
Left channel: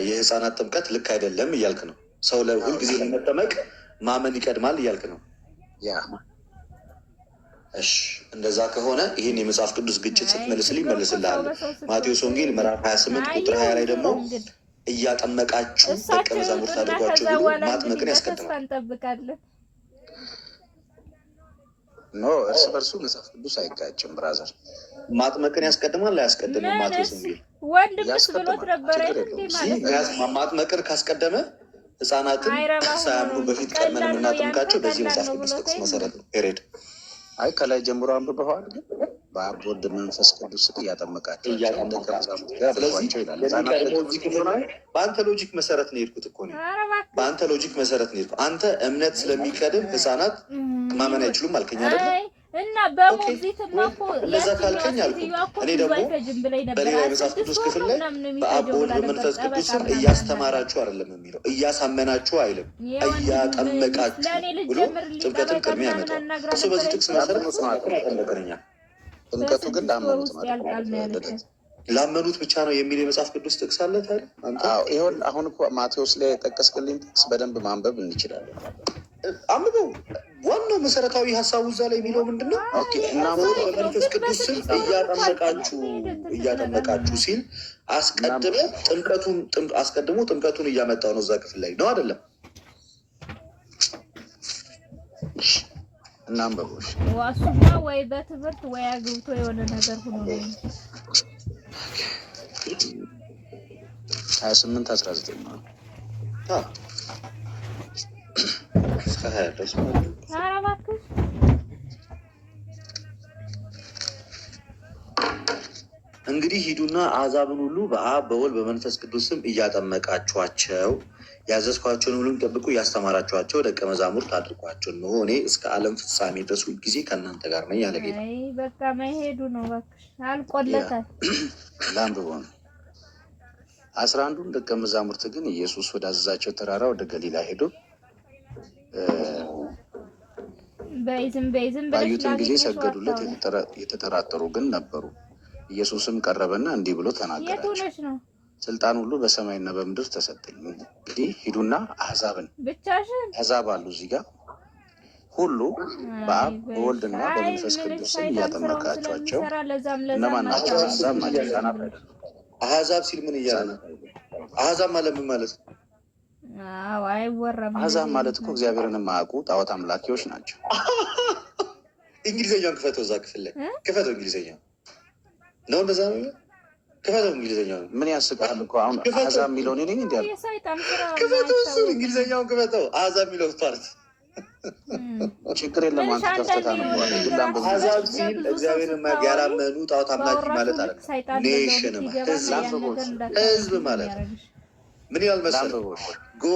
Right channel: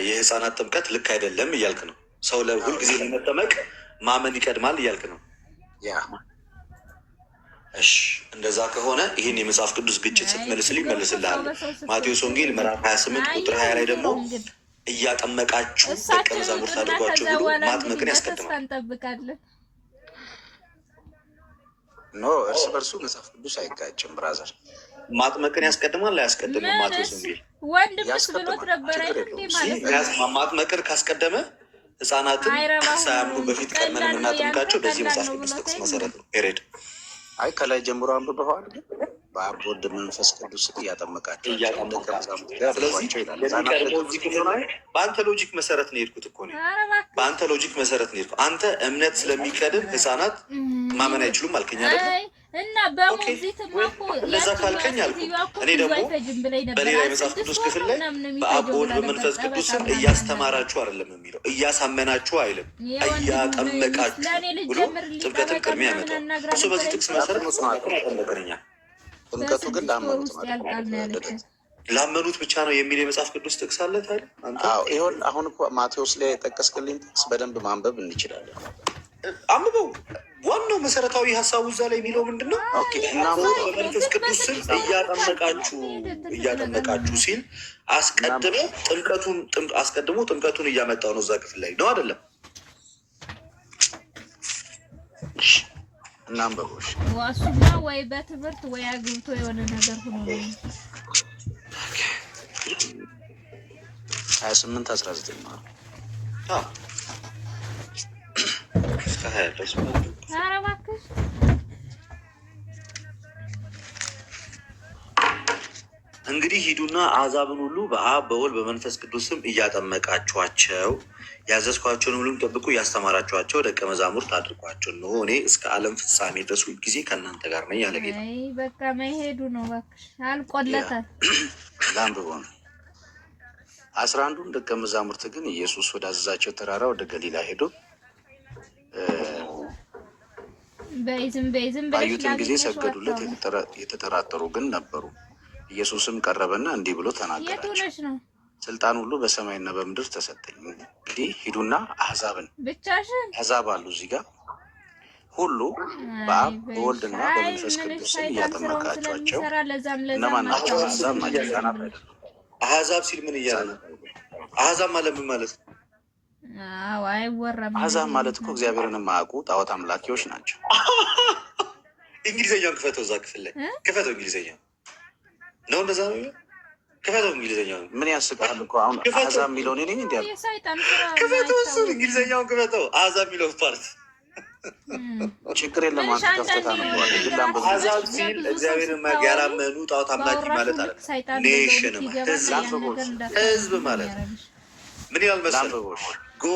የህፃናት ጥምቀት ልክ አይደለም እያልክ ነው። ሰው ለሁልጊዜ ለመጠመቅ ማመን ይቀድማል እያልክ ነው። ያ እሺ እንደዛ ከሆነ ይህን የመጽሐፍ ቅዱስ ግጭት ስትመልስልኝ መልስልሃል። ማቴዎስ ወንጌል ምዕራፍ 28 ቁጥር 20 ላይ ደግሞ እያጠመቃችሁ ደቀ መዛሙርት አድርጓቸው ብሎ ማጥመቅን ያስቀድማል። ኖ እርስ በርሱ መጽሐፍ ቅዱስ አይጋጭም ብራዘር። ማጥመቅን ያስቀድማል አያስቀድምም? ማቴዎስ ወንጌል ማጥመቅን ካስቀደመ ህፃናትን ሳያምኑ በፊት ቀድመን የምናጠምቃቸው በዚህ መጽሐፍ ቅዱስ ጥቅስ መሰረት ነው። ሄሬድ አይ ከላይ ጀምሮ አንብበዋል። በአብ ወልድ መንፈስ ቅዱስ እያጠመቃቸው በአንተ ሎጂክ መሰረት ነው የሄድኩት እኮ ነው። በአንተ ሎጂክ መሰረት ነው የሄድኩት። አንተ እምነት ስለሚቀድም ህፃናት ማመን አይችሉም አልከኝ አይደለ? እንደዛ ካልከኝ አልኩ። እኔ ደግሞ በሌላ የመጽሐፍ ቅዱስ ክፍል ላይ በአብ ወልድ በመንፈስ ቅዱስ ስም እያስተማራችሁ አይደለም የሚለው፣ እያሳመናችሁ አይልም፣ እያጠመቃችሁ ብሎ ጥምቀትን ቅድሚያ ያመጣው እሱ። በዚህ ጥቅስ መሰረት ጠመቀኛ። ጥምቀቱ ግን ላመኑት ማለት ላመኑት ብቻ ነው የሚል የመጽሐፍ ቅዱስ ጥቅስ አለ ታዲያ? ይሁን አሁን እኮ ማቴዎስ ላይ የጠቀስክልኝ ጥቅስ በደንብ ማንበብ እንችላለን። አንብበው። ዋናው መሰረታዊ ሀሳቡ እዛ ላይ የሚለው ምንድን ነው? በመንፈስ ቅዱስ ስም እያጠመቃችሁ ሲል አስቀድሞ ጥምቀቱን እያመጣው ነው። እዛ ክፍል ላይ ነው አይደለም? እናንበቦች ዋሱና ወይ በትምህርት ወይ አግብቶ የሆነ ነገር ሆኖ 28:19 ማለት እንግዲህ ሂዱና አሕዛብን ሁሉ በአብ በወልድ በመንፈስ ቅዱስ ስም እያጠመቃችኋቸው ያዘዝኳቸውን ሁሉም ጠብቁ፣ እያስተማራችኋቸው ደቀ መዛሙርት አድርጓቸው። እነሆ እኔ እስከ ዓለም ፍጻሜ ድረስ ሁልጊዜ ከእናንተ ጋር ነኝ ያለ ጌታ። በቃ መሄዱ ነው እባክሽ፣ አልቆለታል። ላንብቦ ነው 11ዱን ደቀ መዛሙርት ግን ኢየሱስ ወዳዘዛቸው ተራራ ወደ ገሊላ ሄዶ ባዩትም ጊዜ ሰገዱለት። የተጠራጠሩ ግን ነበሩ። ኢየሱስም ቀረበና እንዲህ ብሎ ተናገራቸው፣ ስልጣን ሁሉ በሰማይና በምድር ተሰጠኝ። እንግዲህ ሂዱና አሕዛብ አሉ እዚህ ጋር ሁሉ በአብ በወልድና በመንፈስ ቅዱስ እያጠመቃቸዋቸው። እነማን ናቸው? አሕዛብ ናቸው፣ ሕፃናት አይደሉም። አሕዛብ ሲል ምን እያለ ነው? አሕዛብ ማለት ምን ማለት ነው? አሕዛብ ማለት እኮ እግዚአብሔርን የማያውቁ ጣዖት አምላኪዎች ናቸው። እንግሊዝኛውን ክፈተው፣ እዛ ክፍል ላይ ክፈተው እንግሊዝኛ። ነው እንደዛ ነው። ክፈተው እንግሊዝኛውን። ምን ያስቃል እኮ አሁን አሕዛብ የሚለውን እኔ እንዲ ክፈተው፣ እሱን እንግሊዝኛውን ክፈተው። አሕዛብ የሚለው ፓርት ችግር የለም። አንተ ከፍተታ ነው አሕዛብ ሲል እግዚአብሔርን ያላመኑ ጣዖት አምላኪ ማለት አለ። ኔሽን ህዝብ ማለት ምን ይላል መሰለህ? Go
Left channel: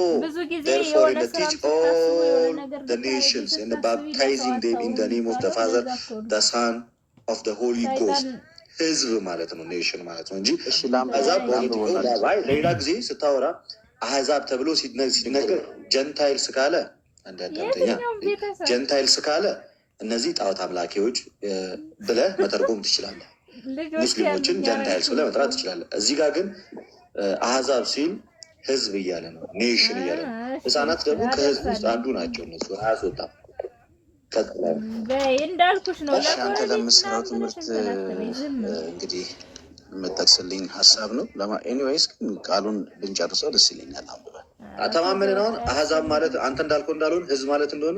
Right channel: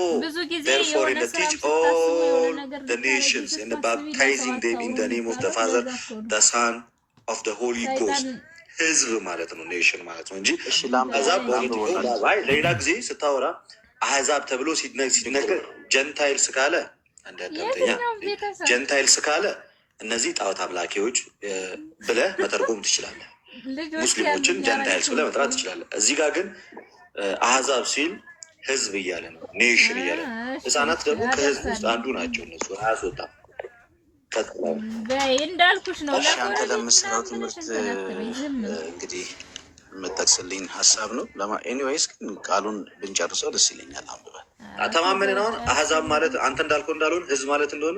therefore and teach all the nations and baptizing them in the name of the Father, the Son, of the Holy Ghost. ህዝብ ማለት ነው፣ ኔሽን ማለት ነው እንጂ አሕዛብ ሌላ ጊዜ ስታወራ አሕዛብ ተብሎ ሲነገር ጀንታይልስ ካለ አንዳንደኛ ጀንታይልስ ካለ እነዚህ ጣዖት አምላኪዎች ብለህ መተርጎም ትችላለህ። ሙስሊሞችን ጀንታይልስ ብለህ መጥራት ትችላለህ። እዚህ ጋር ግን አሕዛብ ሲል ህዝብ እያለ ነው፣ ኔሽን እያለ ነው። ህፃናት ደግሞ ከህዝብ ውስጥ አንዱ ናቸው። እነሱ አያስወጣም። እንዳልኩሽ ነው። አንተ ለምስራው ትምህርት እንግዲህ የምጠቅስልኝ ሀሳብ ነው። ኤኒዌይስ ግን ቃሉን ብንጨርሰው ደስ ይለኛል። አንብበን ተማመንን። አሁን አሕዛብ ማለት አንተ እንዳልከው እንዳልሆን ህዝብ ማለት እንደሆነ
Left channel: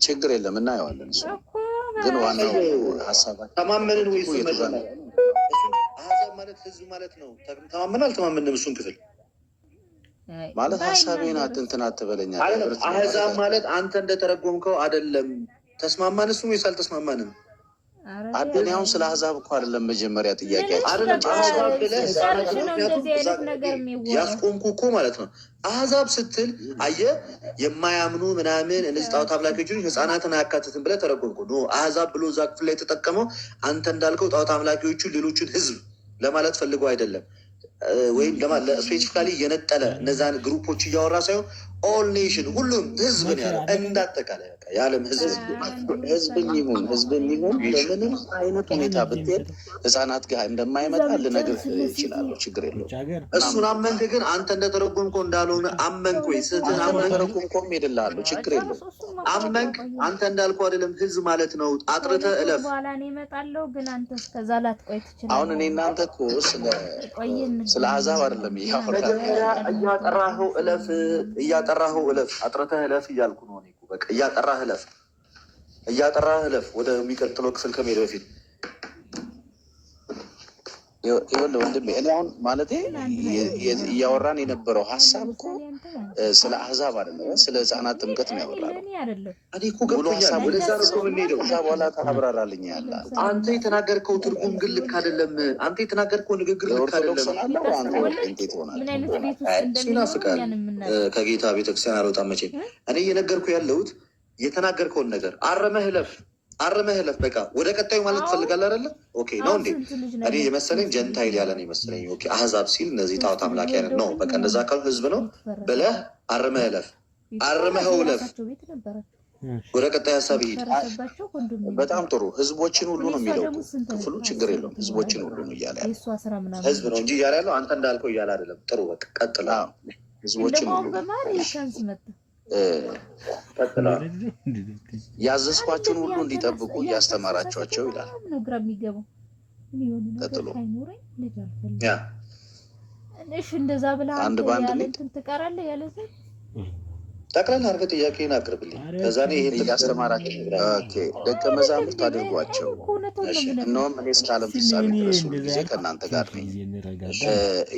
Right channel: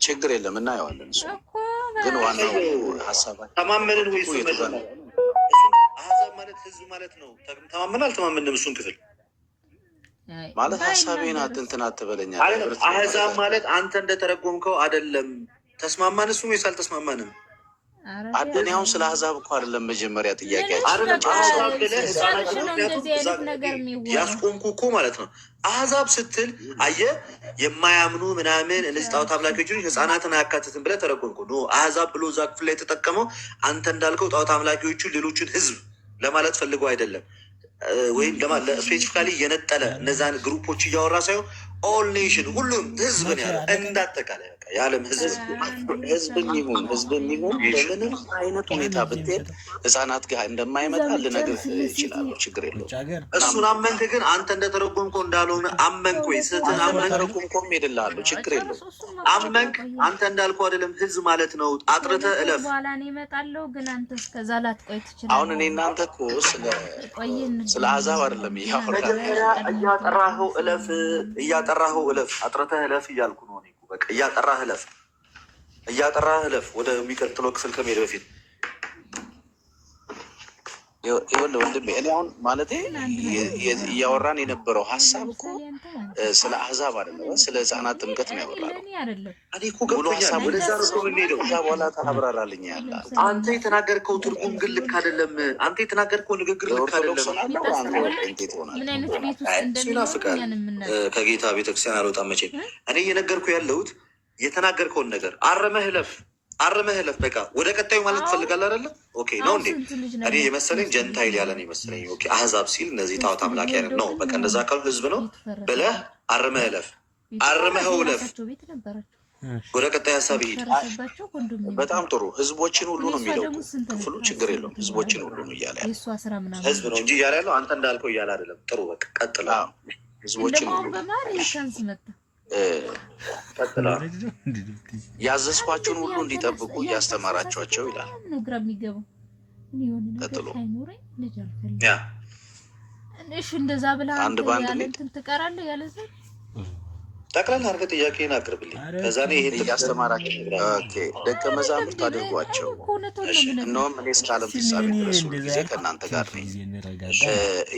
ችግር የለም፣ እናየዋለን። እሱ ግን ዋናው ሀሳባችን ተማመንን ወይ አሕዛብ ማለት ህዝብ ማለት ነው። ተማመን አልተማመንም እሱን ክፍል ማለት ሀሳቤን እንትን አትበለኛል። አሕዛብ ማለት አንተ እንደተረጎምከው አይደለም። ተስማማን እሱ ወይስ አልተስማማንም? እኔ አሁን ስለ አሕዛብ እኮ አይደለም መጀመሪያ ጥያቄያችን ያስቆምኩ እኮ ማለት ነው። አሕዛብ ስትል አየህ የማያምኑ ምናምን እነዚህ ጣዖት አምላኪዎች ህፃናትን አያካትትም ብለህ ተረጎምኩ። አሕዛብ ብሎ እዛ ክፍል ላይ የተጠቀመው አንተ እንዳልከው ጣዖት አምላኪዎቹ ሌሎችን ህዝብ ለማለት ፈልገው አይደለም፣ ወይም ስፔሲፊካሊ የነጠለ እነዛን ግሩፖች እያወራ ሳይሆን ኦል ኔሽን ሁሉም ህዝብን ያለ እንዳጠቃላይ የዓለም ህዝብን ይሁን በምንም አይነት ሁኔታ ብትሄድ ህፃናት ጋር እንደማይመጣ ልነግርህ ይችላለሁ። ችግር የለውም። እሱን አመንክ። ግን አንተ እንደተረጎምከው እንዳልሆነ አመንክ ወይ ስህተት ተረጎምከውም ሄድልሃለሁ። ችግር የለውም። አመንክ። አንተ እንዳልከው አይደለም ህዝብ ማለት ነው። አጥርተህ እለፍ። አሁን እኔ እናንተ እኮ ስለ አሕዛብ አይደለም እያጠራኸው እለፍ፣ እያጠራኸው እለፍ፣ አጥርተህ እለፍ እያልኩ ነው። በቃ እያጠራህ እለፍ ወደሚቀጥለው ክፍል ከመሄድ በፊት ይኸውልህ ወንድሜ፣ እኔ አሁን ማለቴ እያወራን የነበረው ሀሳብ እኮ ስለ አሕዛብ አይደለም፣ ስለ ህፃናት ጥምቀት ነው ያወራነው። እኔ እኮ ገብቶኛል። ወደዛ ነው የምንሄደው። ከዛ በኋላ ታብራራልኝ ያለ አንተ የተናገርከው ትርጉም ግን ልክ አይደለም። አንተ የተናገርከው ንግግር ልክ አይደለም። ይናፍቃል። ከጌታ ቤተክርስቲያን አልወጣም መቼም። እኔ እየነገርኩ ያለሁት የተናገርከውን ነገር አረመህ እለፍ። በቃ ወደ ቀጣዩ ማለት ትፈልጋለህ አይደለ? ኦኬ ነው እንዴ? እኔ የመሰለኝ ጀንታይል ያለ ነው የመሰለኝ። ኦኬ አሕዛብ ሲል እነዚህ ጣዖት አምላኪ አይነት ነው። በቃ እንደዛ ካሉ ህዝብ ነው ብለህ አረመህ እለፍ። ወደ ቀጣይ ሀሳብ ይሄድ። በጣም ጥሩ። ህዝቦችን ሁሉ ነው የሚለው ክፍሉ። ችግር የለውም። ህዝቦችን ሁሉ ነው እያለ ያለ ህዝብ ነው እንጂ እያለ ያለው አንተ እንዳልከው እያለ አይደለም። ጥሩ በቃ ቀጥላ። ህዝቦችን ሁሉ ያዘዝኳቸውን ሁሉ እንዲጠብቁ እያስተማራቸዋቸው ይላል። ቀጥሎ አንድ በአንድ ጠቅላላ አድርገህ ጥያቄን አቅርብልኝ። ከዛ ይሄን እያስተማራቸው ደቀ መዛሙርት አድርጓቸው፣ እነሆም እኔ እስከ ዓለም ፍጻሜ ድረስ ሁል ጊዜ ከእናንተ ጋር ነኝ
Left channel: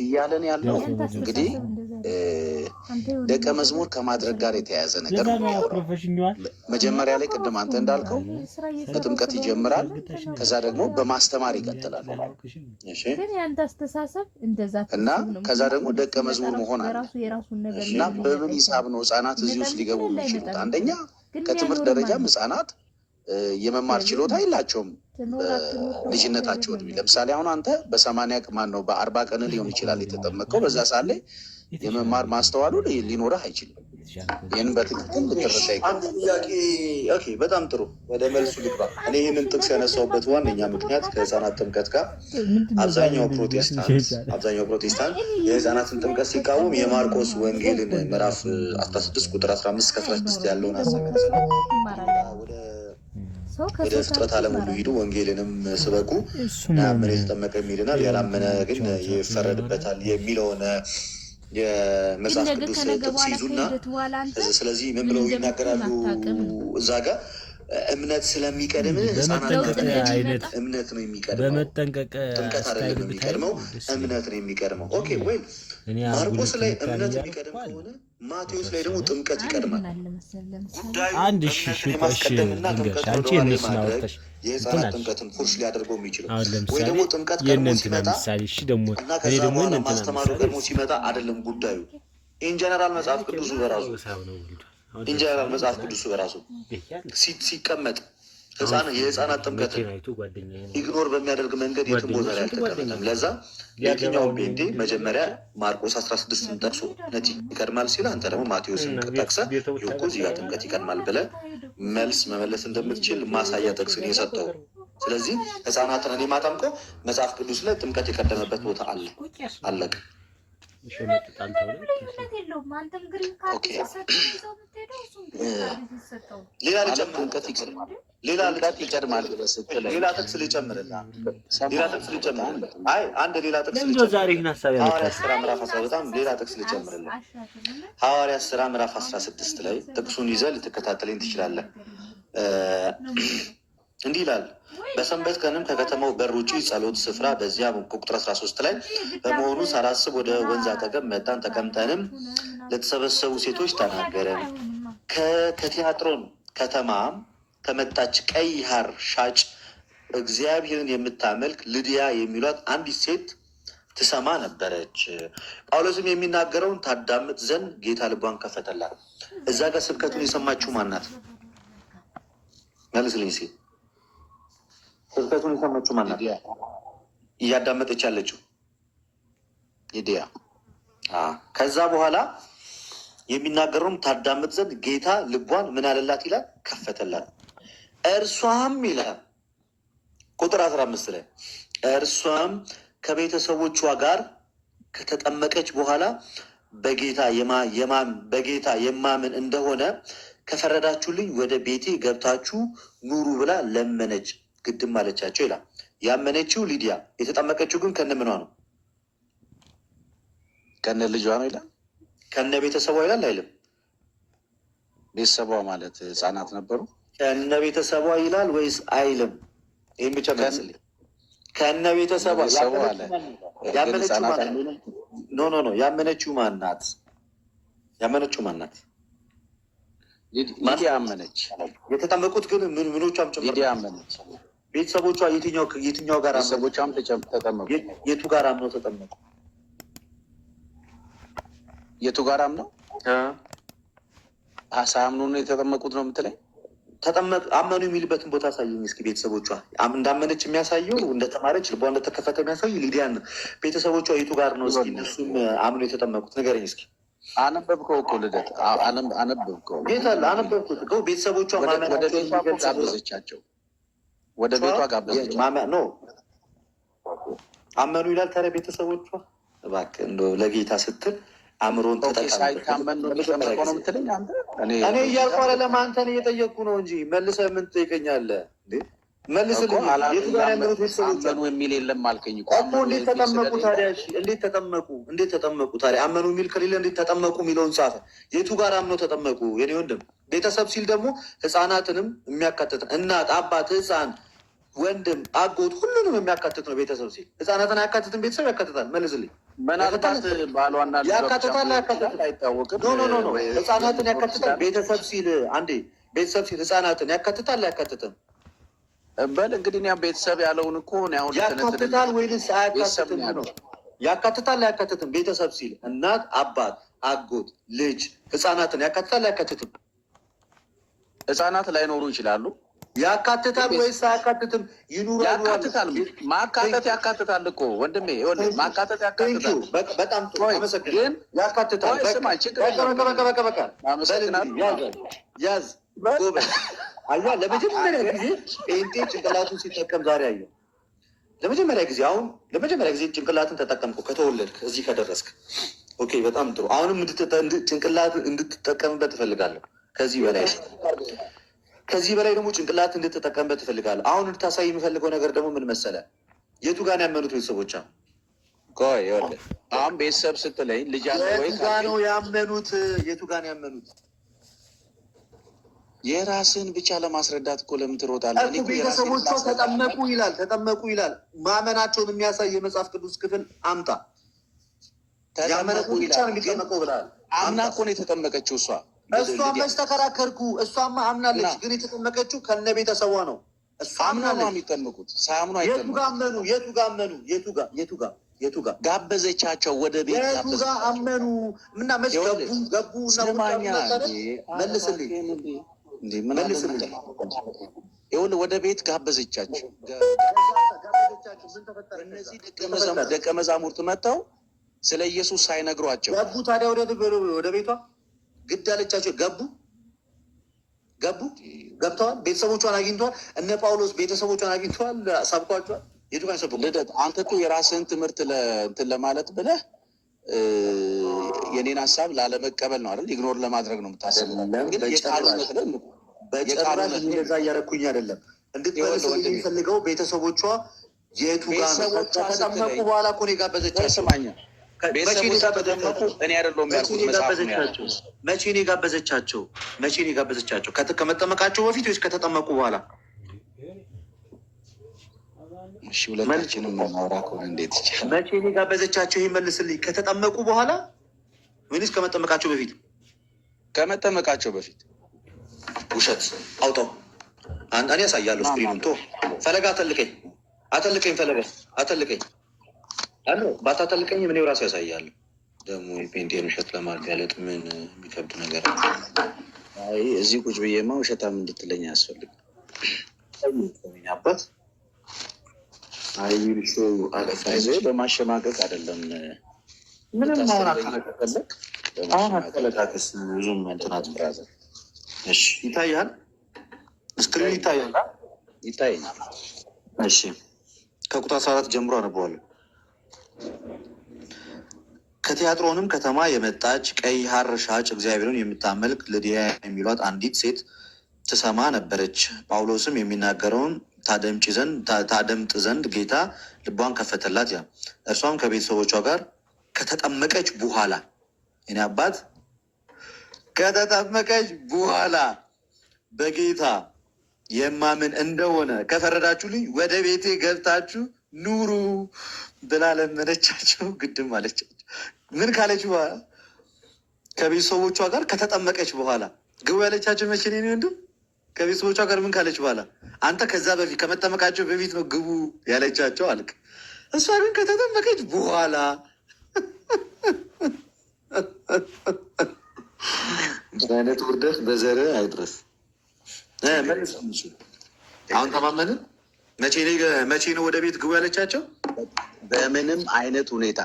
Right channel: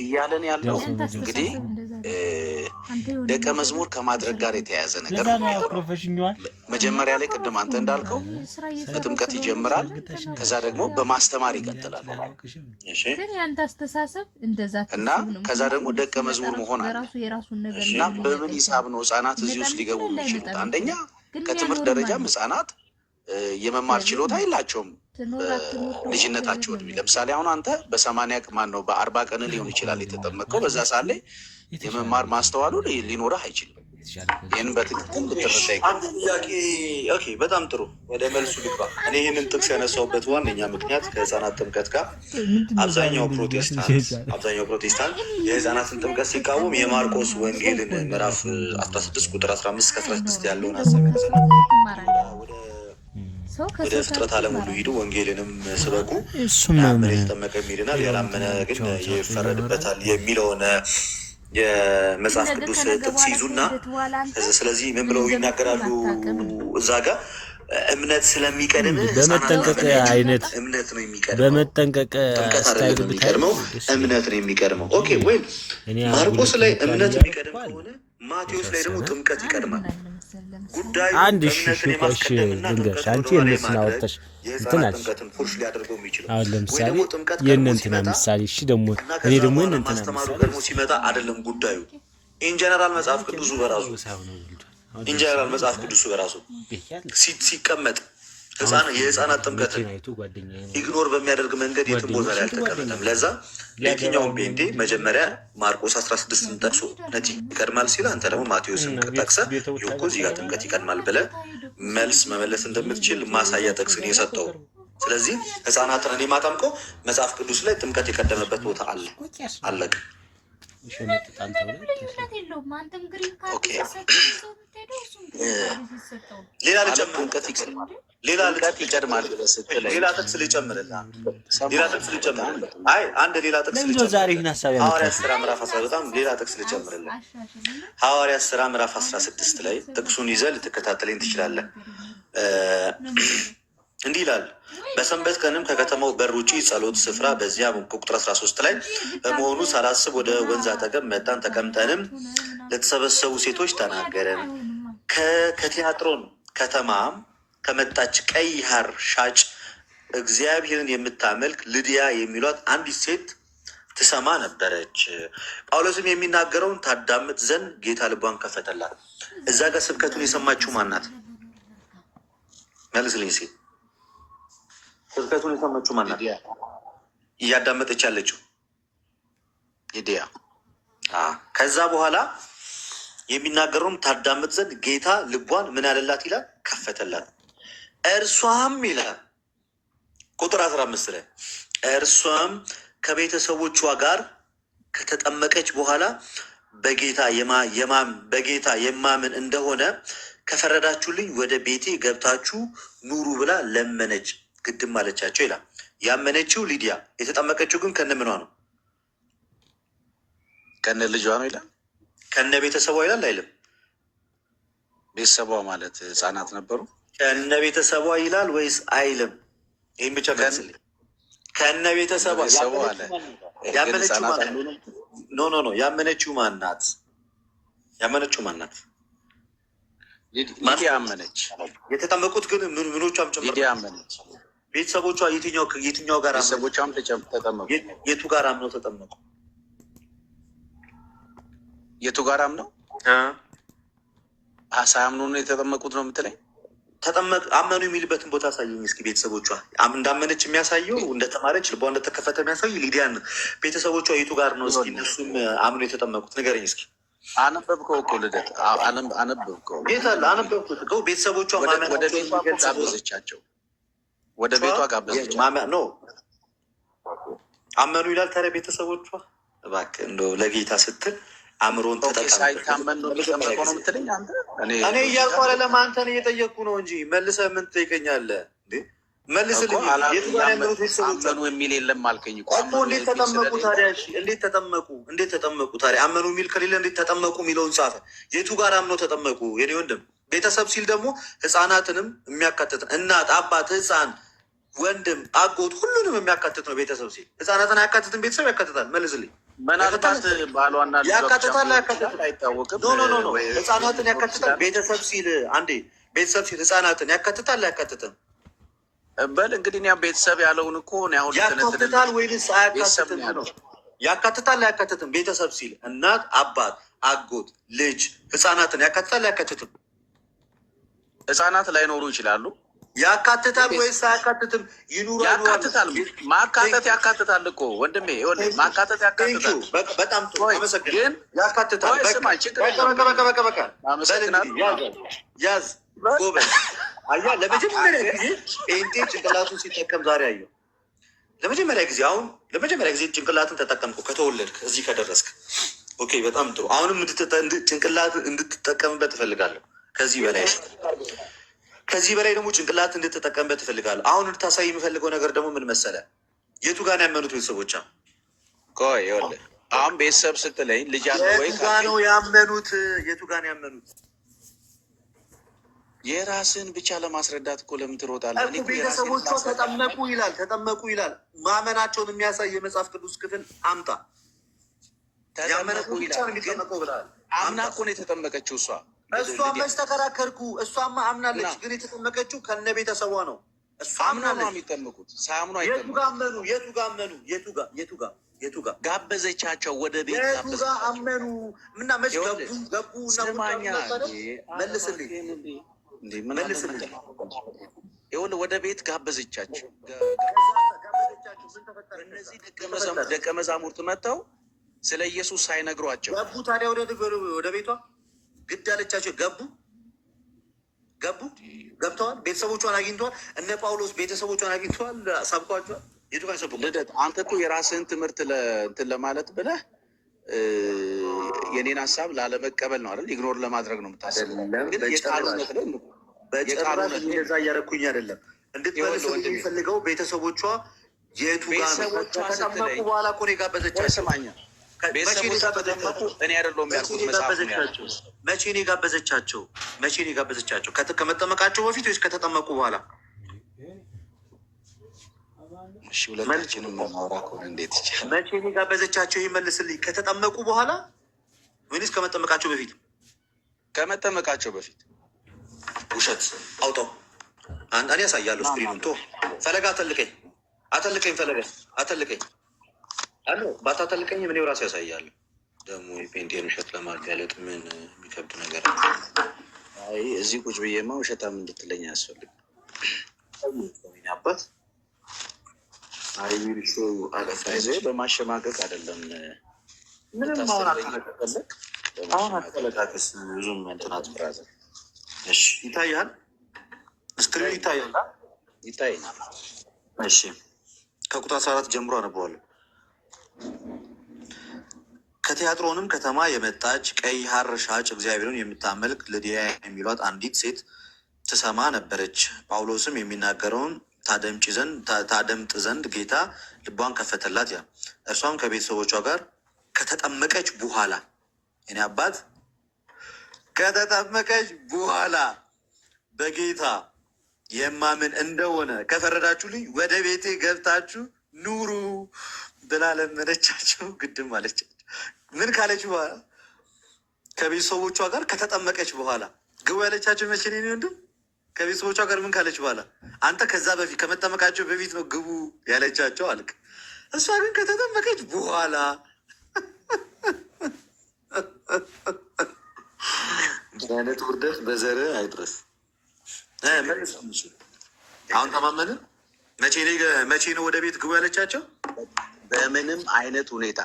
እያለን ያለው እንግዲህ ደቀ መዝሙር ከማድረግ ጋር የተያያዘ ነገር ነው ያወራው። መጀመሪያ ላይ ቅድም አንተ እንዳልከው በጥምቀት ይጀምራል፣ ከዛ ደግሞ በማስተማር ይቀጥላል እና ከዛ ደግሞ ደቀ መዝሙር መሆን አለ እና በምን ሂሳብ ነው ህጻናት እዚህ ውስጥ ሊገቡ የሚችሉት? አንደኛ ከትምህርት ደረጃም ህጻናት የመማር ችሎታ የላቸውም ልጅነታቸው እድሜ። ለምሳሌ አሁን አንተ በ40 ቀን ሊሆን ይችላል የተጠመቀው። በዛ ሰዓት ላይ የመማር ማስተዋሉ ሊኖረህ አይችልም። ይህን በትክክል ልትረዳ ይገባል። በጣም ጥሩ። ወደ መልሱ ልግባ። እኔ ይህንን ጥቅስ ያነሳሁበት ዋነኛ ምክንያት ከህፃናት ጥምቀት ጋር አብዛኛው ፕሮቴስታንት የህፃናትን ጥምቀት ሲቃወም የማርቆስ ወንጌልን ምዕራፍ 16 ቁጥር 15-16 ያለውን ሀሳብ ያነሳል። ወደ ፍጥረት ዓለም ሁሉ ሂዱ፣ ወንጌልንም ስበኩ፣ ያመነ የተጠመቀ ይድናል፣ ያላመነ ግን ይፈረድበታል የሚለውን የመጽሐፍ ቅዱስ ጥቅስ ይዙና ስለዚህ ምን ብለው ይናገራሉ? እዛ ጋር እምነት ስለሚቀድም በመጠንቀቅ አይነት እምነት ነው የሚቀድመው። በመጠንቀቅ ጥምቀት አይደለም የሚቀድመው፣ እምነት ነው የሚቀድመው። ኦኬ ወይ ማርቆስ ላይ እምነት የሚቀድም ከሆነ ማቴዎስ ላይ ደግሞ ጥምቀት ይቀድማል። ጉዳዩ እምነትን የማስቀደምና ጥምቀት ወደ ማድረግ የህፃናት ጥምቀትን ፉርሽ ሊያደርገው የሚችለው ወይ ደግሞ ጥምቀት ቀድሞ ሲመጣ እና ከዛ በኋላ ማስተማሩ ቀድሞ ሲመጣ አይደለም ጉዳዩ። ኢንጀነራል መጽሐፍ ቅዱሱ በራሱ ሲቀመጥ የህፃናት ጥምቀትን ኢግኖር በሚያደርግ መንገድ የትም ቦታ ላይ አልተቀመጠም። ለዛ የትኛውም ጴንጤ መጀመሪያ ማርቆስ 16 ጠቅሶ እምነት ይቀድማል ሲል፣ አንተ ደግሞ ማቴዎስን ጠቅሰህ ይኸው እዚህ ጋር ጥምቀት ይቀድማል ብለህ መልስ መመለስ እንደምትችል ማሳያ ጥቅስን የሰጠው። ስለዚህ ህፃናትን እኔ ማጠምቀው መጽሐፍ ቅዱስ ላይ ጥምቀት የቀደመበት ቦታ አለ። አለቀ። ሌላ ጥቅስ ልጨምርልህ። ሐዋርያት ሥራ ምዕራፍ 16 ላይ ጥቅሱን ይዘህ ልትከታተለኝ ትችላለህ። እንዲህ ይላል፣ በሰንበት ቀንም ከከተማው በር ውጪ ጸሎት ስፍራ በዚያ ቁጥር 13 ላይ በመሆኑ ሳላስብ ወደ ወንዝ አጠገብ መጣን፣ ተቀምጠንም ለተሰበሰቡ ሴቶች ተናገረን። ከቲያጥሮን ከተማ ከመጣች ቀይ ሐር ሻጭ እግዚአብሔርን የምታመልክ ልድያ የሚሏት አንዲት ሴት ትሰማ ነበረች። ጳውሎስም የሚናገረውን ታዳምጥ ዘንድ ጌታ ልቧን ከፈተላት። እዛ ጋር ስብከቱን የሰማችው ማናት? መልስልኝ ሲ ስብከቱን የሰማችው ማናት? እያዳመጠች ያለችው ልድያ። ከዛ በኋላ የሚናገረውን ታዳምጥ ዘንድ ጌታ ልቧን ምን አለላት ይላል? ከፈተላት። እርሷም ይላል ቁጥር 15 ላይ እርሷም ከቤተሰቦቿ ጋር ከተጠመቀች በኋላ በጌታ የማምን እንደሆነ ከፈረዳችሁልኝ ወደ ቤቴ ገብታችሁ ኑሩ ብላ ለመነች፣ ግድም አለቻቸው ይላል። ያመነችው ሊዲያ፣ የተጠመቀችው ግን ከነ ምኗ ነው? ከነ ልጇ ነው ይላል። ከነ ቤተሰቧ ይላል አይልም? ቤተሰቧ ማለት ህፃናት ነበሩ። ከነ ቤተሰቧ ይላል ወይስ አይልም? ይህም ብቻ መልስልኝ። ከነ ቤተሰቧ ያመነችው ማናት? ኖ ያመነችው ማናት? ያመነችው ማናት? ሊዲያ አመነች። የተጠመቁት ግን ምኖቿም ጭምር ሊዲያ አመነች። ቤተሰቦቿ የትኛው ጋር ቤተሰቦቿም ተጠመቁ? የቱ ጋር አምነው ተጠመቁ? የቱ ጋር አምነው? ሳያምኑ ነው የተጠመቁት ነው የምትለኝ? አመኑ የሚልበትን ቦታ አሳየኝ እስኪ። ቤተሰቦቿ እንዳመነች የሚያሳየው እንደተማረች ልቧ እንደተከፈተ የሚያሳየው ሊዲያን ነው። ቤተሰቦቿ የቱ ጋር ነው እስኪ እነሱም አምኖ የተጠመቁት ንገረኝ እስኪ። አነበብከው እኮ ልደት፣ አነበብከው። አነበብኩት እኮ ቤተሰቦቿ ወደ ቤቷ ጋበዘቻቸው፣ ወደ ቤቷ ጋበዘቻቸው። ኖ አመኑ ይላል። ታዲያ ቤተሰቦቿ እባክህ እንደው ለጌታ ስትል አእምሮን ሳይታመን ነው የሚጠመቀው ነው የምትለኝ አንተ? እኔ እያልኩ አይደለም፣ አንተን እየጠየቅኩ ነው እንጂ መልሰህ ምን ትጠይቀኛለህ? መልስልኝ። የቱ ጋር ያመኑት ቤተሰቦች አመኑ የሚል የለም አልከኝ እኮ። እንዴት ተጠመቁ ታዲያ? እንዴት ተጠመቁ ታዲያ? አመኑ የሚል ከሌለ እንዴት ተጠመቁ የሚለውን ጻፈ። የቱ ጋር አምነው ተጠመቁ? የኔ ወንድም ቤተሰብ ሲል ደግሞ ህፃናትንም የሚያካትት እናት፣ አባት፣ ህፃን፣ ወንድም፣ አጎት ሁሉንም የሚያካትት ነው። ቤተሰብ ሲል ህፃናትን አያካትትም? ቤተሰብ ያካትታል። መልስልኝ። ምናልባት ባሏና ያካትታል አይታወቅም። ኖ ህፃናትን ያካትታል። ቤተሰብ ሲል ቤተሰብ ሲል ህፃናትን ያካትታል አያካትትም? በል እንግዲህ እኔ ቤተሰብ ያለውን እኮ አሁን ያካትታል ወይንስ አያካትትም ነው? ያካትታል አያካትትም? ቤተሰብ ሲል እናት፣ አባት፣ አጎት፣ ልጅ፣ ህፃናትን ያካትታል አያካትትም? ህፃናት ላይኖሩ ይችላሉ። ያካትታል ወይስ አያካትትም? ያካትታል። ማካተት ያካትታል እኮ ወንድሜ፣ ማካተት ያካትታል። በጣም ጥሩ ግን ያካትታል። ያዝ ጎበዝ። አያ ለመጀመሪያ ጊዜ ጴንጤ ጭንቅላቱን ሲጠቀም ዛሬ አየሁ። ለመጀመሪያ ጊዜ ጭንቅላትን ተጠቀምኩ። ከተወለድክ እዚህ ከደረስክ ኦኬ፣ በጣም ጥሩ። አሁንም ጭንቅላት እንድትጠቀምበት እፈልጋለሁ። ከዚህ በላይ ደግሞ ጭንቅላት እንድትጠቀምበት እፈልጋለሁ። አሁን እንድታሳይ የምፈልገው ነገር ደግሞ ምን መሰለህ? የቱ ጋር ነው ያመኑት ቤተሰቦቿ? ቆይ ይኸውልህ፣ አሁን ቤተሰብ ስትለኝ ልጅ አለ ወይ? የቱ ጋር ነው ያመኑት? የራስን ብቻ ለማስረዳት እኮ ለምን ትሮጣለህ? ቤተሰቦቿ ተጠመቁ ይላል። ተጠመቁ ይላል። ማመናቸውን የሚያሳይ የመጽሐፍ ቅዱስ ክፍል አምጣ። ተጠመቁ ይላል። አምና እኮ ነው የተጠመቀችው እሷ። እሷ መች ተከራከርኩ? እሷማ አምናለች፣ ግን የተጠመቀችው ከነ ቤተሰቧ ነው። እሷ አምናለች። የሚጠመቁት ሳያምኑ አይጠመቁ። የቱ ጋር ጋበዘቻቸው ወደ ቤት የቱ ጋር አመኑ? ምና መች ገቡ? መልስልኝ። ይኸውልህ ወደ ቤት ጋበዘቻቸው። እነዚህ ደቀ መዛሙርት መጥተው ስለ ኢየሱስ ሳይነግሯቸው ገቡ። ታዲያ ወደ ቤቷ ግድ አለቻቸው። ገብተዋል። ቤተሰቦቿን አግኝተዋል። እነ ጳውሎስ ቤተሰቦቿን አግኝተዋል፣ ሰብኳቸዋል። የቱ ጋር ሰብኩ? ልደት አንተ እኮ የራስህን ትምህርት እንትን ለማለት ብለህ የኔን ሀሳብ ላለመቀበል ነው አይደል? ኢግኖር ለማድረግ ነው የምታስበው። ግን የቃሉነት ላይ በጭራሽ እንደዛ እያደረኩኝ አይደለም። እንድትመልስ የሚፈልገው ቤተሰቦቿ የቱ ጋር ከተጠመቁ በኋላ እኮ ነው የጋበዘቻቸው። ቤተሰቦቿ ተጠመቁ። እኔ አይደለሁም ያልኩት፣ መጽሐፍ ነው ያልኩት። መቼ ነው የጋበዘቻቸው? ከመጠመቃቸው በፊት ወይስ ከተጠመቁ በኋላ? እሺ ሁለታችንም ማውራ ከሆነ እንዴት ይቻላል? መቼ ነው የጋበዘቻቸው? ይህ መልስልኝ። ከተጠመቁ በኋላ ወይስ ከመጠመቃቸው በፊት? ከመጠመቃቸው በፊት። ውሸት አውጣው። እኔ ያሳያለሁ። ስክሪኑን ቶ ፈለጋ አተልቀኝ ፈለገ አተልቀኝ አሎ ባታተልቀኝ ምን ራሱ ያሳያለሁ። ደግሞ የፔንቴን ውሸት ለማጋለጥ ምን የሚከብድ ነገር አይ እዚህ ቁጭ ብዬማ ውሸታም እንድትለኝ አያስፈልግም። አባት አይዞ በማሸማቀቅ አይደለም። ምንም አሁን አትለቃቅስ። ብዙም እንትናት ብራዘር። እሺ ይታያል፣ ስክሪን ይታያል። ይታየኛል። እሺ ከቁጥር 14 ጀምሮ አነበዋለሁ። ከቲያጥሮንም ከተማ የመጣች ቀይ ሐር ሻጭ እግዚአብሔርን የምታመልክ ልድያ የሚሏት አንዲት ሴት ትሰማ ነበረች። ጳውሎስም የሚናገረውን ታደምጥ ዘንድ ጌታ ልቧን ከፈተላት። ያ እርሷም ከቤተሰቦቿ ጋር ከተጠመቀች በኋላ እኔ አባት ከተጠመቀች በኋላ በጌታ የማምን እንደሆነ ከፈረዳችሁልኝ ወደ ቤቴ ገብታችሁ ኑሩ ብላ ለመነቻቸው። ግድም አለቻቸው። ምን ካለች በኋላ? ከቤተሰቦቿ ጋር ከተጠመቀች በኋላ ግቡ ያለቻቸው መቼ ነው? ወንድም ከቤተሰቦቿ ጋር ምን ካለች በኋላ? አንተ ከዛ በፊት ከመጠመቃቸው በፊት ነው ግቡ ያለቻቸው አልክ። እሷ ግን ከተጠመቀች በኋላ አይነት ውርደት በዘር አይድረስ። አሁን ተማመንን። መቼ ነው ወደ ቤት ግቡ ያለቻቸው? በምንም አይነት ሁኔታ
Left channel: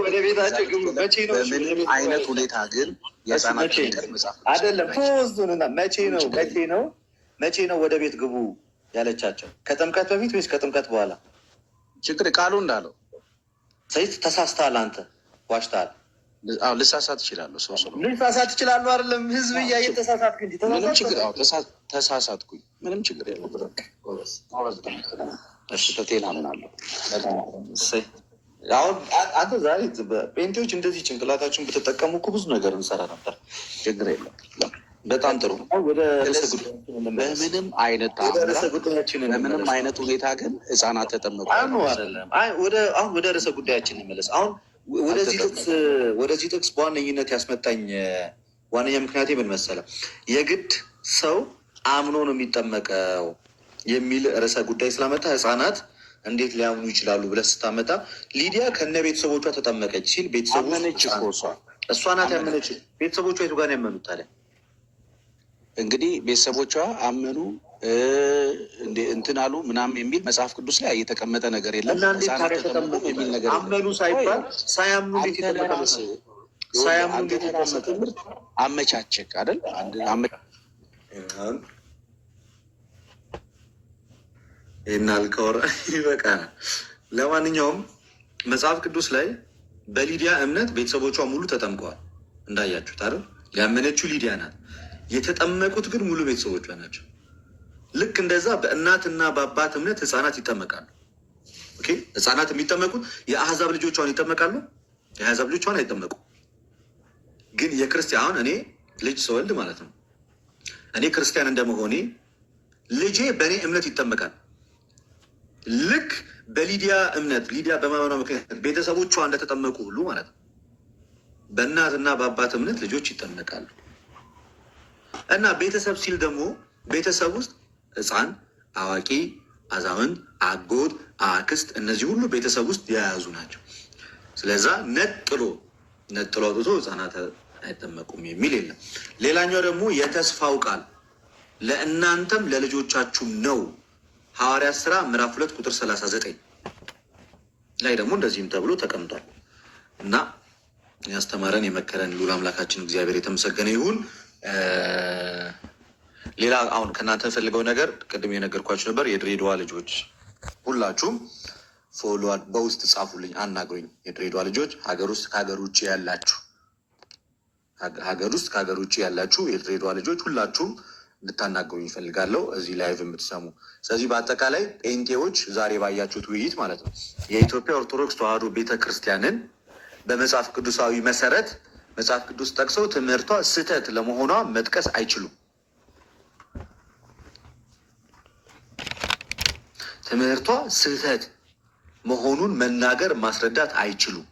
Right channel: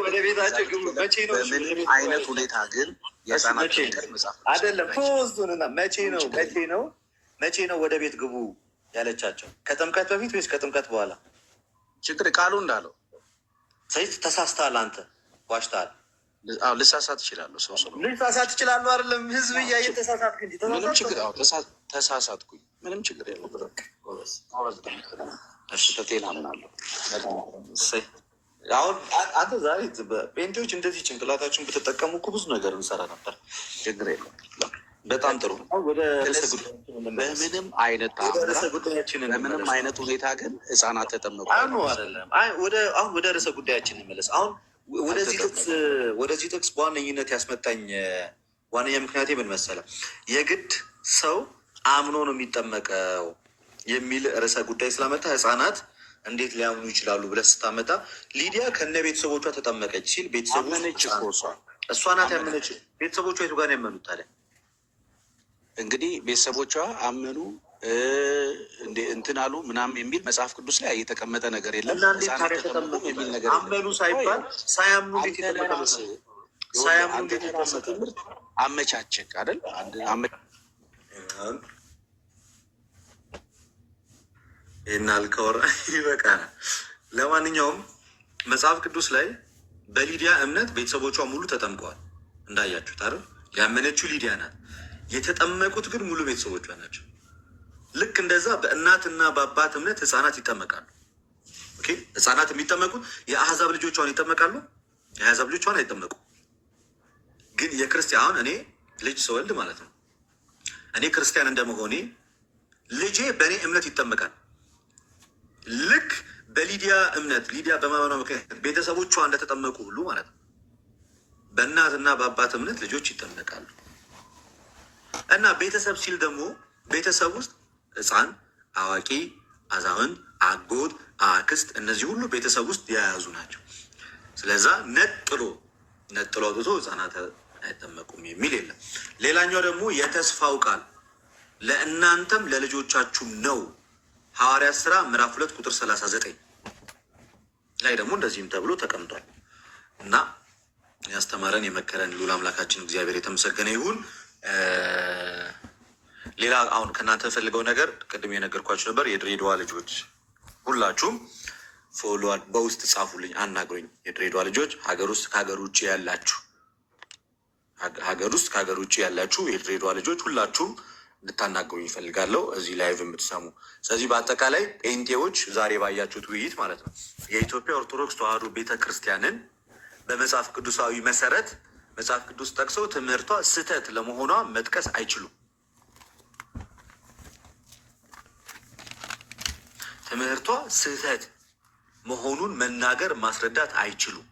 ወደ ቤታቸው ግቡ። በምንም አይነት ሁኔታ ግን የህፃናት መጽሐፍ አይደለም። ተወስዱንና መቼ ነው ወደ ቤት ግቡ ያለቻቸው? ከጥምቀት በፊት ወይስ ከጥምቀት በኋላ? ችግር ቃሉ እንዳለው ሰይት ተሳስተሃል። አንተ ዋሽተሃል። ልሳሳት እችላለሁ። ልሳሳት እችላለሁ። አይደለም ህዝብ እያየ ተሳሳትክ እንጂ ተሳሳትኩኝ። ምንም ችግር የለም። ስህተቴን አምናለሁ። አሁን አንተ ዛሬ ጴንጤዎች እንደዚህ ጭንቅላታችሁን ብትጠቀሙ እኮ ብዙ ነገር እንሰራ ነበር። ችግር የለም። በጣም ጥሩ። በምንም አይነት ሁኔታ ግን ህፃናት ተጠመቁ አይደለም። አሁን ወደ ርዕሰ ጉዳያችን እንመለስ። አሁን ወደዚህ ጥቅስ በዋነኝነት ያስመጣኝ ዋነኛ ምክንያቴ ምን መሰለህ? የግድ ሰው አምኖ ነው የሚጠመቀው የሚል ርዕሰ ጉዳይ ስላመጣ ህፃናት እንዴት ሊያምኑ ይችላሉ ብለህ ስታመጣ ሊዲያ ከነ ቤተሰቦቿ ተጠመቀች ሲል ቤተሰቦች እሷ ናት ያመነች። ቤተሰቦቿ የቱ ጋር ያመኑት ታዲያ? እንግዲህ ቤተሰቦቿ አመኑ እንትን አሉ ምናምን የሚል መጽሐፍ ቅዱስ ላይ የተቀመጠ ነገር የለም። የሚል ነገር አመኑ ሳይባል ሳያምኑ ትምህርት አመቻቸክ አይደል? ይህን አልከወራ ይበቃል። ለማንኛውም መጽሐፍ ቅዱስ ላይ በሊዲያ እምነት ቤተሰቦቿ ሙሉ ተጠምቀዋል። እንዳያችሁት አይደል? ያመነችው ሊዲያ ናት። የተጠመቁት ግን ሙሉ ቤተሰቦቿ ናቸው። ልክ እንደዛ በእናትና በአባት እምነት ህፃናት ይጠመቃሉ። ህፃናት የሚጠመቁት የአህዛብ ልጆቿን ይጠመቃሉ። የአህዛብ ልጆቿን አይጠመቁ። ግን የክርስቲያን እኔ ልጅ ስወልድ ማለት ነው እኔ ክርስቲያን እንደመሆኔ ልጄ በእኔ እምነት ይጠመቃል። ልክ በሊዲያ እምነት ሊዲያ በማመኗ ምክንያት ቤተሰቦቿ እንደተጠመቁ ሁሉ ማለት ነው በእናትና በአባት እምነት ልጆች ይጠመቃሉ። እና ቤተሰብ ሲል ደግሞ ቤተሰብ ውስጥ ሕፃን፣ አዋቂ፣ አዛውንት፣ አጎት፣ አክስት እነዚህ ሁሉ ቤተሰብ ውስጥ የያዙ ናቸው። ስለዛ ነጥሎ አውጥቶ ሕፃናት አይጠመቁም የሚል የለም። ሌላኛው ደግሞ የተስፋው ቃል ለእናንተም ለልጆቻችሁም ነው። ሐዋርያት ሥራ ምዕራፍ 2 ቁጥር 39 ላይ ደግሞ እንደዚህም ተብሎ ተቀምጧል። እና ያስተማረን የመከረን ልዑል አምላካችን እግዚአብሔር የተመሰገነ ይሁን። ሌላ አሁን ከእናንተ ፈልገው ነገር ቅድም የነገርኳችሁ ነበር። የድሬዳዋ ልጆች ሁላችሁም ፎሎ በውስጥ ጻፉልኝ፣ አናግሩኝ። የድሬዳዋ ልጆች ሀገር ውስጥ ከሀገር ውጭ ያላችሁ የድሬዳዋ ልጆች ሁላችሁም እንድታናግሩኝ ይፈልጋለሁ፣ እዚህ ላይቭ የምትሰሙ። ስለዚህ በአጠቃላይ ጴንጤዎች ዛሬ ባያችሁት ውይይት ማለት ነው የኢትዮጵያ ኦርቶዶክስ ተዋሕዶ ቤተክርስቲያንን በመጽሐፍ ቅዱሳዊ መሰረት መጽሐፍ ቅዱስ ጠቅሰው ትምህርቷ ስህተት ለመሆኗ መጥቀስ አይችሉም። ትምህርቷ ስህተት መሆኑን መናገር ማስረዳት አይችሉም።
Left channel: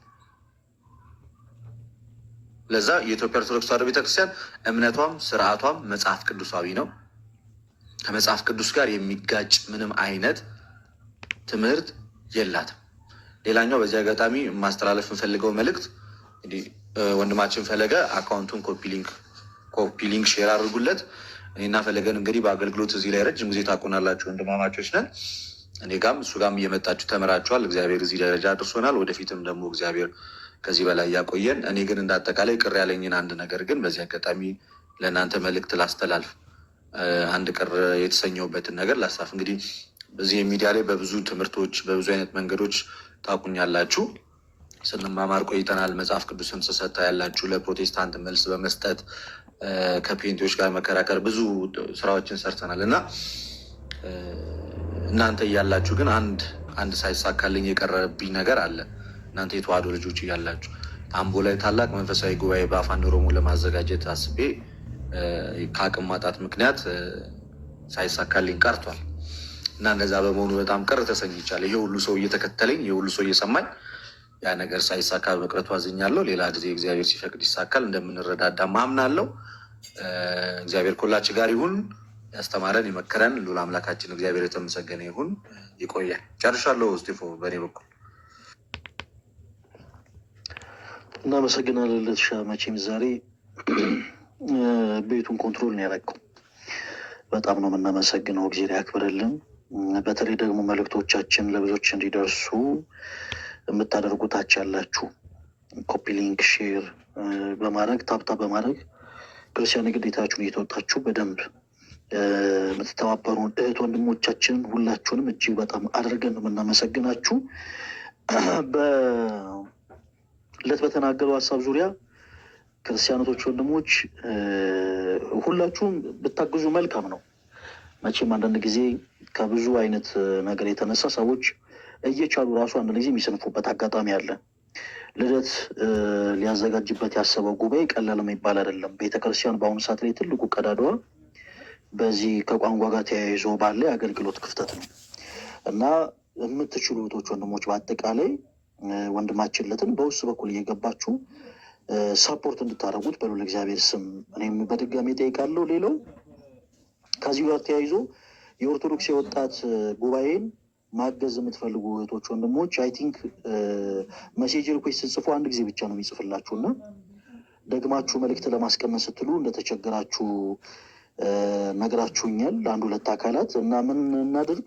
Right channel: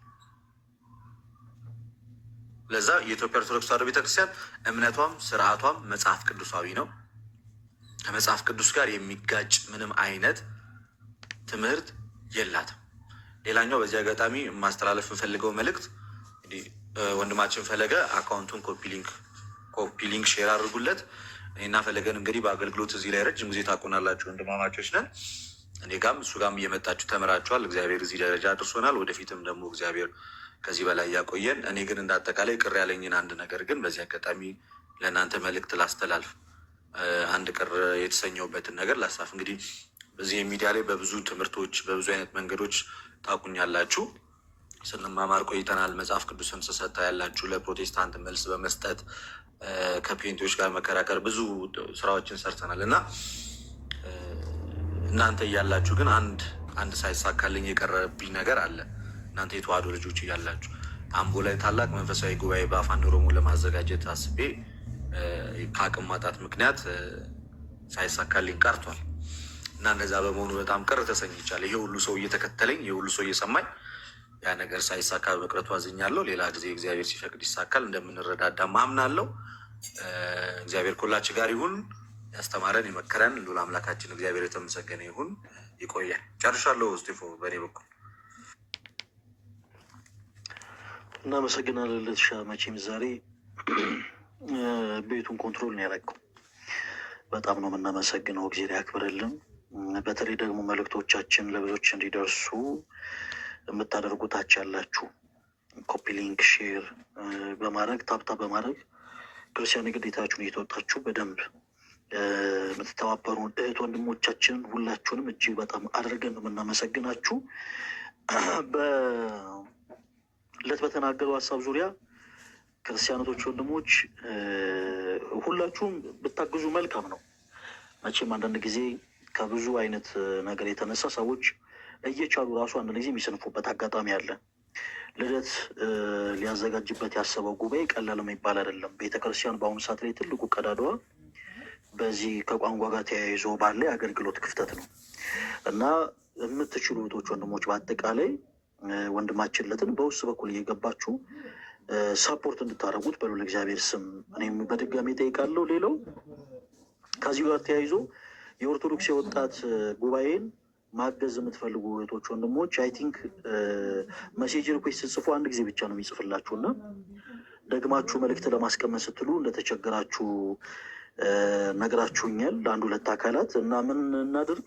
ለዛ የኢትዮጵያ ኦርቶዶክስ ተዋሕዶ ቤተክርስቲያን እምነቷም ስርዓቷም መጽሐፍ ቅዱሳዊ ነው። ከመጽሐፍ ቅዱስ ጋር የሚጋጭ ምንም አይነት ትምህርት የላትም። ሌላኛው በዚህ አጋጣሚ ማስተላለፍ የምፈልገው መልእክት እንግዲህ ወንድማችን ፈለገ አካውንቱን ኮፒ ሊንክ ሼር አድርጉለት። እኔና ፈለገን እንግዲህ በአገልግሎት እዚህ ላይ ረጅም ጊዜ ታውቁናላችሁ፣ ወንድማማቾች ነን። እኔ ጋም እሱ ጋም እየመጣችሁ ተምራችኋል። እግዚአብሔር እዚህ ደረጃ አድርሶናል። ወደፊትም ደግሞ እግዚአብሔር ከዚህ በላይ ያቆየን። እኔ ግን እንደ አጠቃላይ ቅር ያለኝን አንድ ነገር ግን በዚህ አጋጣሚ ለእናንተ መልእክት ላስተላልፍ። አንድ ቅር የተሰኘውበትን ነገር ላሳፍ። እንግዲህ በዚህ ሚዲያ ላይ በብዙ ትምህርቶች በብዙ አይነት መንገዶች ታውቁኛላችሁ። ስንማማር ቆይተናል። መጽሐፍ ቅዱስን ስሰታ ያላችሁ፣ ለፕሮቴስታንት መልስ በመስጠት ከፔንቴዎች ጋር መከራከር፣ ብዙ ስራዎችን ሰርተናል እና እናንተ እያላችሁ ግን አንድ ሳይሳካልኝ የቀረብኝ ነገር አለ። እናንተ የተዋሕዶ ልጆች እያላችሁ አምቦ ላይ ታላቅ መንፈሳዊ ጉባኤ በአፋን ኦሮሞ ለማዘጋጀት አስቤ ከአቅም ማጣት ምክንያት ሳይሳካልኝ ቀርቷል እና እንደዛ በመሆኑ በጣም ቅር ተሰኝቻለሁ። ይሄ ሁሉ ሰው እየተከተለኝ፣ ይሄ ሁሉ ሰው እየሰማኝ ያ ነገር ሳይሳካ በመቅረቱ አዝኛለሁ። ሌላ ጊዜ እግዚአብሔር ሲፈቅድ ይሳካል፣ እንደምንረዳዳ ማምናለሁ። እግዚአብሔር ከሁላችን ጋር ይሁን። ያስተማረን የመከረን ልዑል አምላካችን እግዚአብሔር የተመሰገነ ይሁን። ይቆያል። ጨርሻለሁ። ስቴፎ በእኔ በኩል እናመሰግናለን። ለትሻ መቼም ዛሬ ቤቱን ኮንትሮል ነው ያደረገው። በጣም ነው የምናመሰግነው። እግዚአብሔር ያክብርልን። በተለይ ደግሞ መልእክቶቻችን ለብዙዎች እንዲደርሱ የምታደርጉታች ያላችሁ ኮፒ ሊንክ ሼር በማድረግ ታብታ በማድረግ ክርስቲያን ግዴታችሁን እየተወጣችሁ በደንብ የምትተባበሩን እህት ወንድሞቻችንን ሁላችሁንም እጅግ በጣም አድርገን ነው የምናመሰግናችሁ። በለት በተናገረው ሀሳብ ዙሪያ ክርስቲያኖቶች ወንድሞች ሁላችሁም ብታግዙ መልካም ነው። መቼም አንዳንድ ጊዜ ከብዙ አይነት ነገር የተነሳ ሰዎች እየቻሉ ራሱ አንድ ጊዜ የሚሰንፉበት አጋጣሚ አለ። ልደት ሊያዘጋጅበት ያሰበው ጉባኤ ቀላል የሚባል አይደለም። ቤተክርስቲያን በአሁኑ ሰዓት ላይ ትልቁ ቀዳዳዋ በዚህ ከቋንቋ ጋር ተያይዞ ባለ የአገልግሎት ክፍተት ነው እና የምትችሉ እህቶች ወንድሞች በአጠቃላይ ወንድማችን ለትን በውስጥ በኩል እየገባችሁ ሳፖርት እንድታደርጉት በልዑል እግዚአብሔር ስም እኔም በድጋሚ ጠይቃለሁ። ሌላው ከዚህ ጋር ተያይዞ የኦርቶዶክስ የወጣት ጉባኤን ማገዝ የምትፈልጉ እህቶች ወንድሞች አይ ቲንክ መሴጅ ሪኩዌስት ስትጽፉ አንድ ጊዜ ብቻ ነው የሚጽፍላችሁ እና ደግማችሁ መልእክት ለማስቀመጥ ስትሉ እንደተቸገራችሁ ነግራችሁኛል። አንድ ሁለት አካላት እና ምን እናድርግ?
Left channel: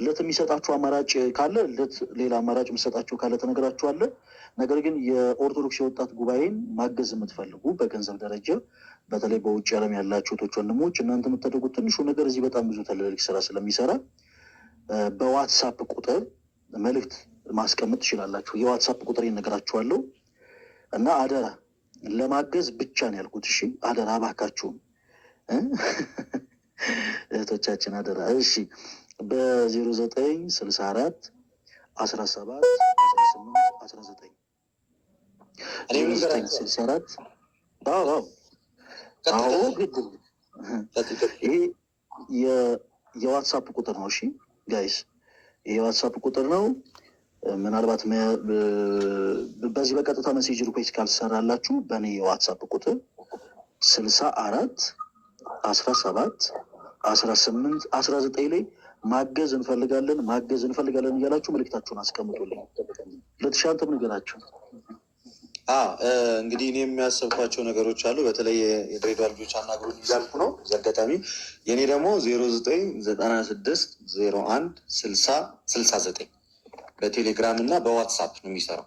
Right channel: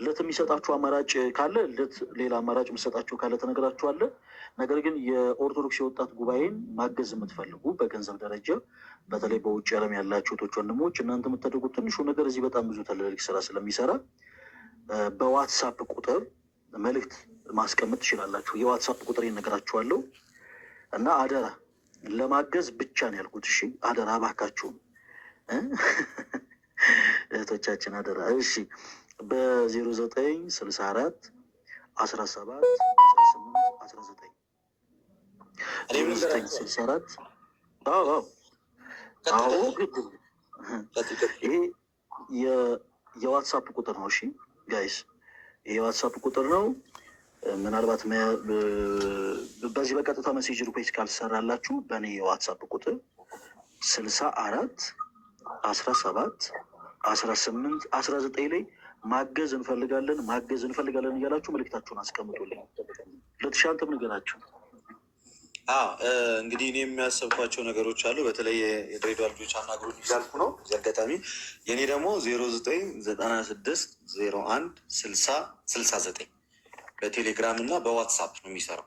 ለት የሚሰጣችሁ አማራጭ ካለ ለት ሌላ አማራጭ የሚሰጣችሁ ካለ ተነግራችኋለ። ነገር ግን የኦርቶዶክስ የወጣት ጉባኤን ማገዝ የምትፈልጉ በገንዘብ ደረጃ በተለይ በውጭ ዓለም ያላችሁ እህቶች ወንድሞች እናንተ የምታደርጉት ትንሹ ነገር እዚህ በጣም ብዙ ትልልቅ ስራ ስለሚሰራ በዋትሳፕ ቁጥር መልእክት ማስቀመጥ ትችላላችሁ። የዋትሳፕ ቁጥር ይነግራችኋለሁ እና አደራ ለማገዝ ብቻ ነው ያልኩት። እሺ አደራ እባካችሁም እህቶቻችን አደራ። እሺ በ0964 17 18 19 0964 ይሄ የዋትሳፕ ቁጥር ነው። እሺ ጋይስ፣ ይሄ የዋትሳፕ ቁጥር ነው። ምናልባት በዚህ በቀጥታ ሜሴጅ ሪኩዌስት ካልሰራላችሁ በእኔ የዋትሳፕ ቁጥር 64 17 18 19 ላይ ማገዝ እንፈልጋለን እያላችሁ መልእክታችሁን አስቀምጡልኝ። ለተሻንተም ንገራችሁ። እንግዲህ እኔ የሚያሰብኳቸው ነገሮች አሉ። በተለይ የድሬዳዋ ልጆች አናግሩን እያልኩ ነው። እዚህ አጋጣሚ የኔ ደግሞ 0996016069 በቴሌግራም እና በዋትሳፕ ነው የሚሰራው።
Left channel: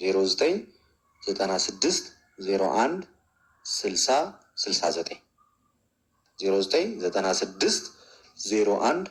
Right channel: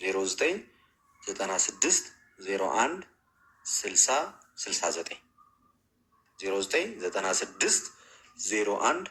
0996016069 099601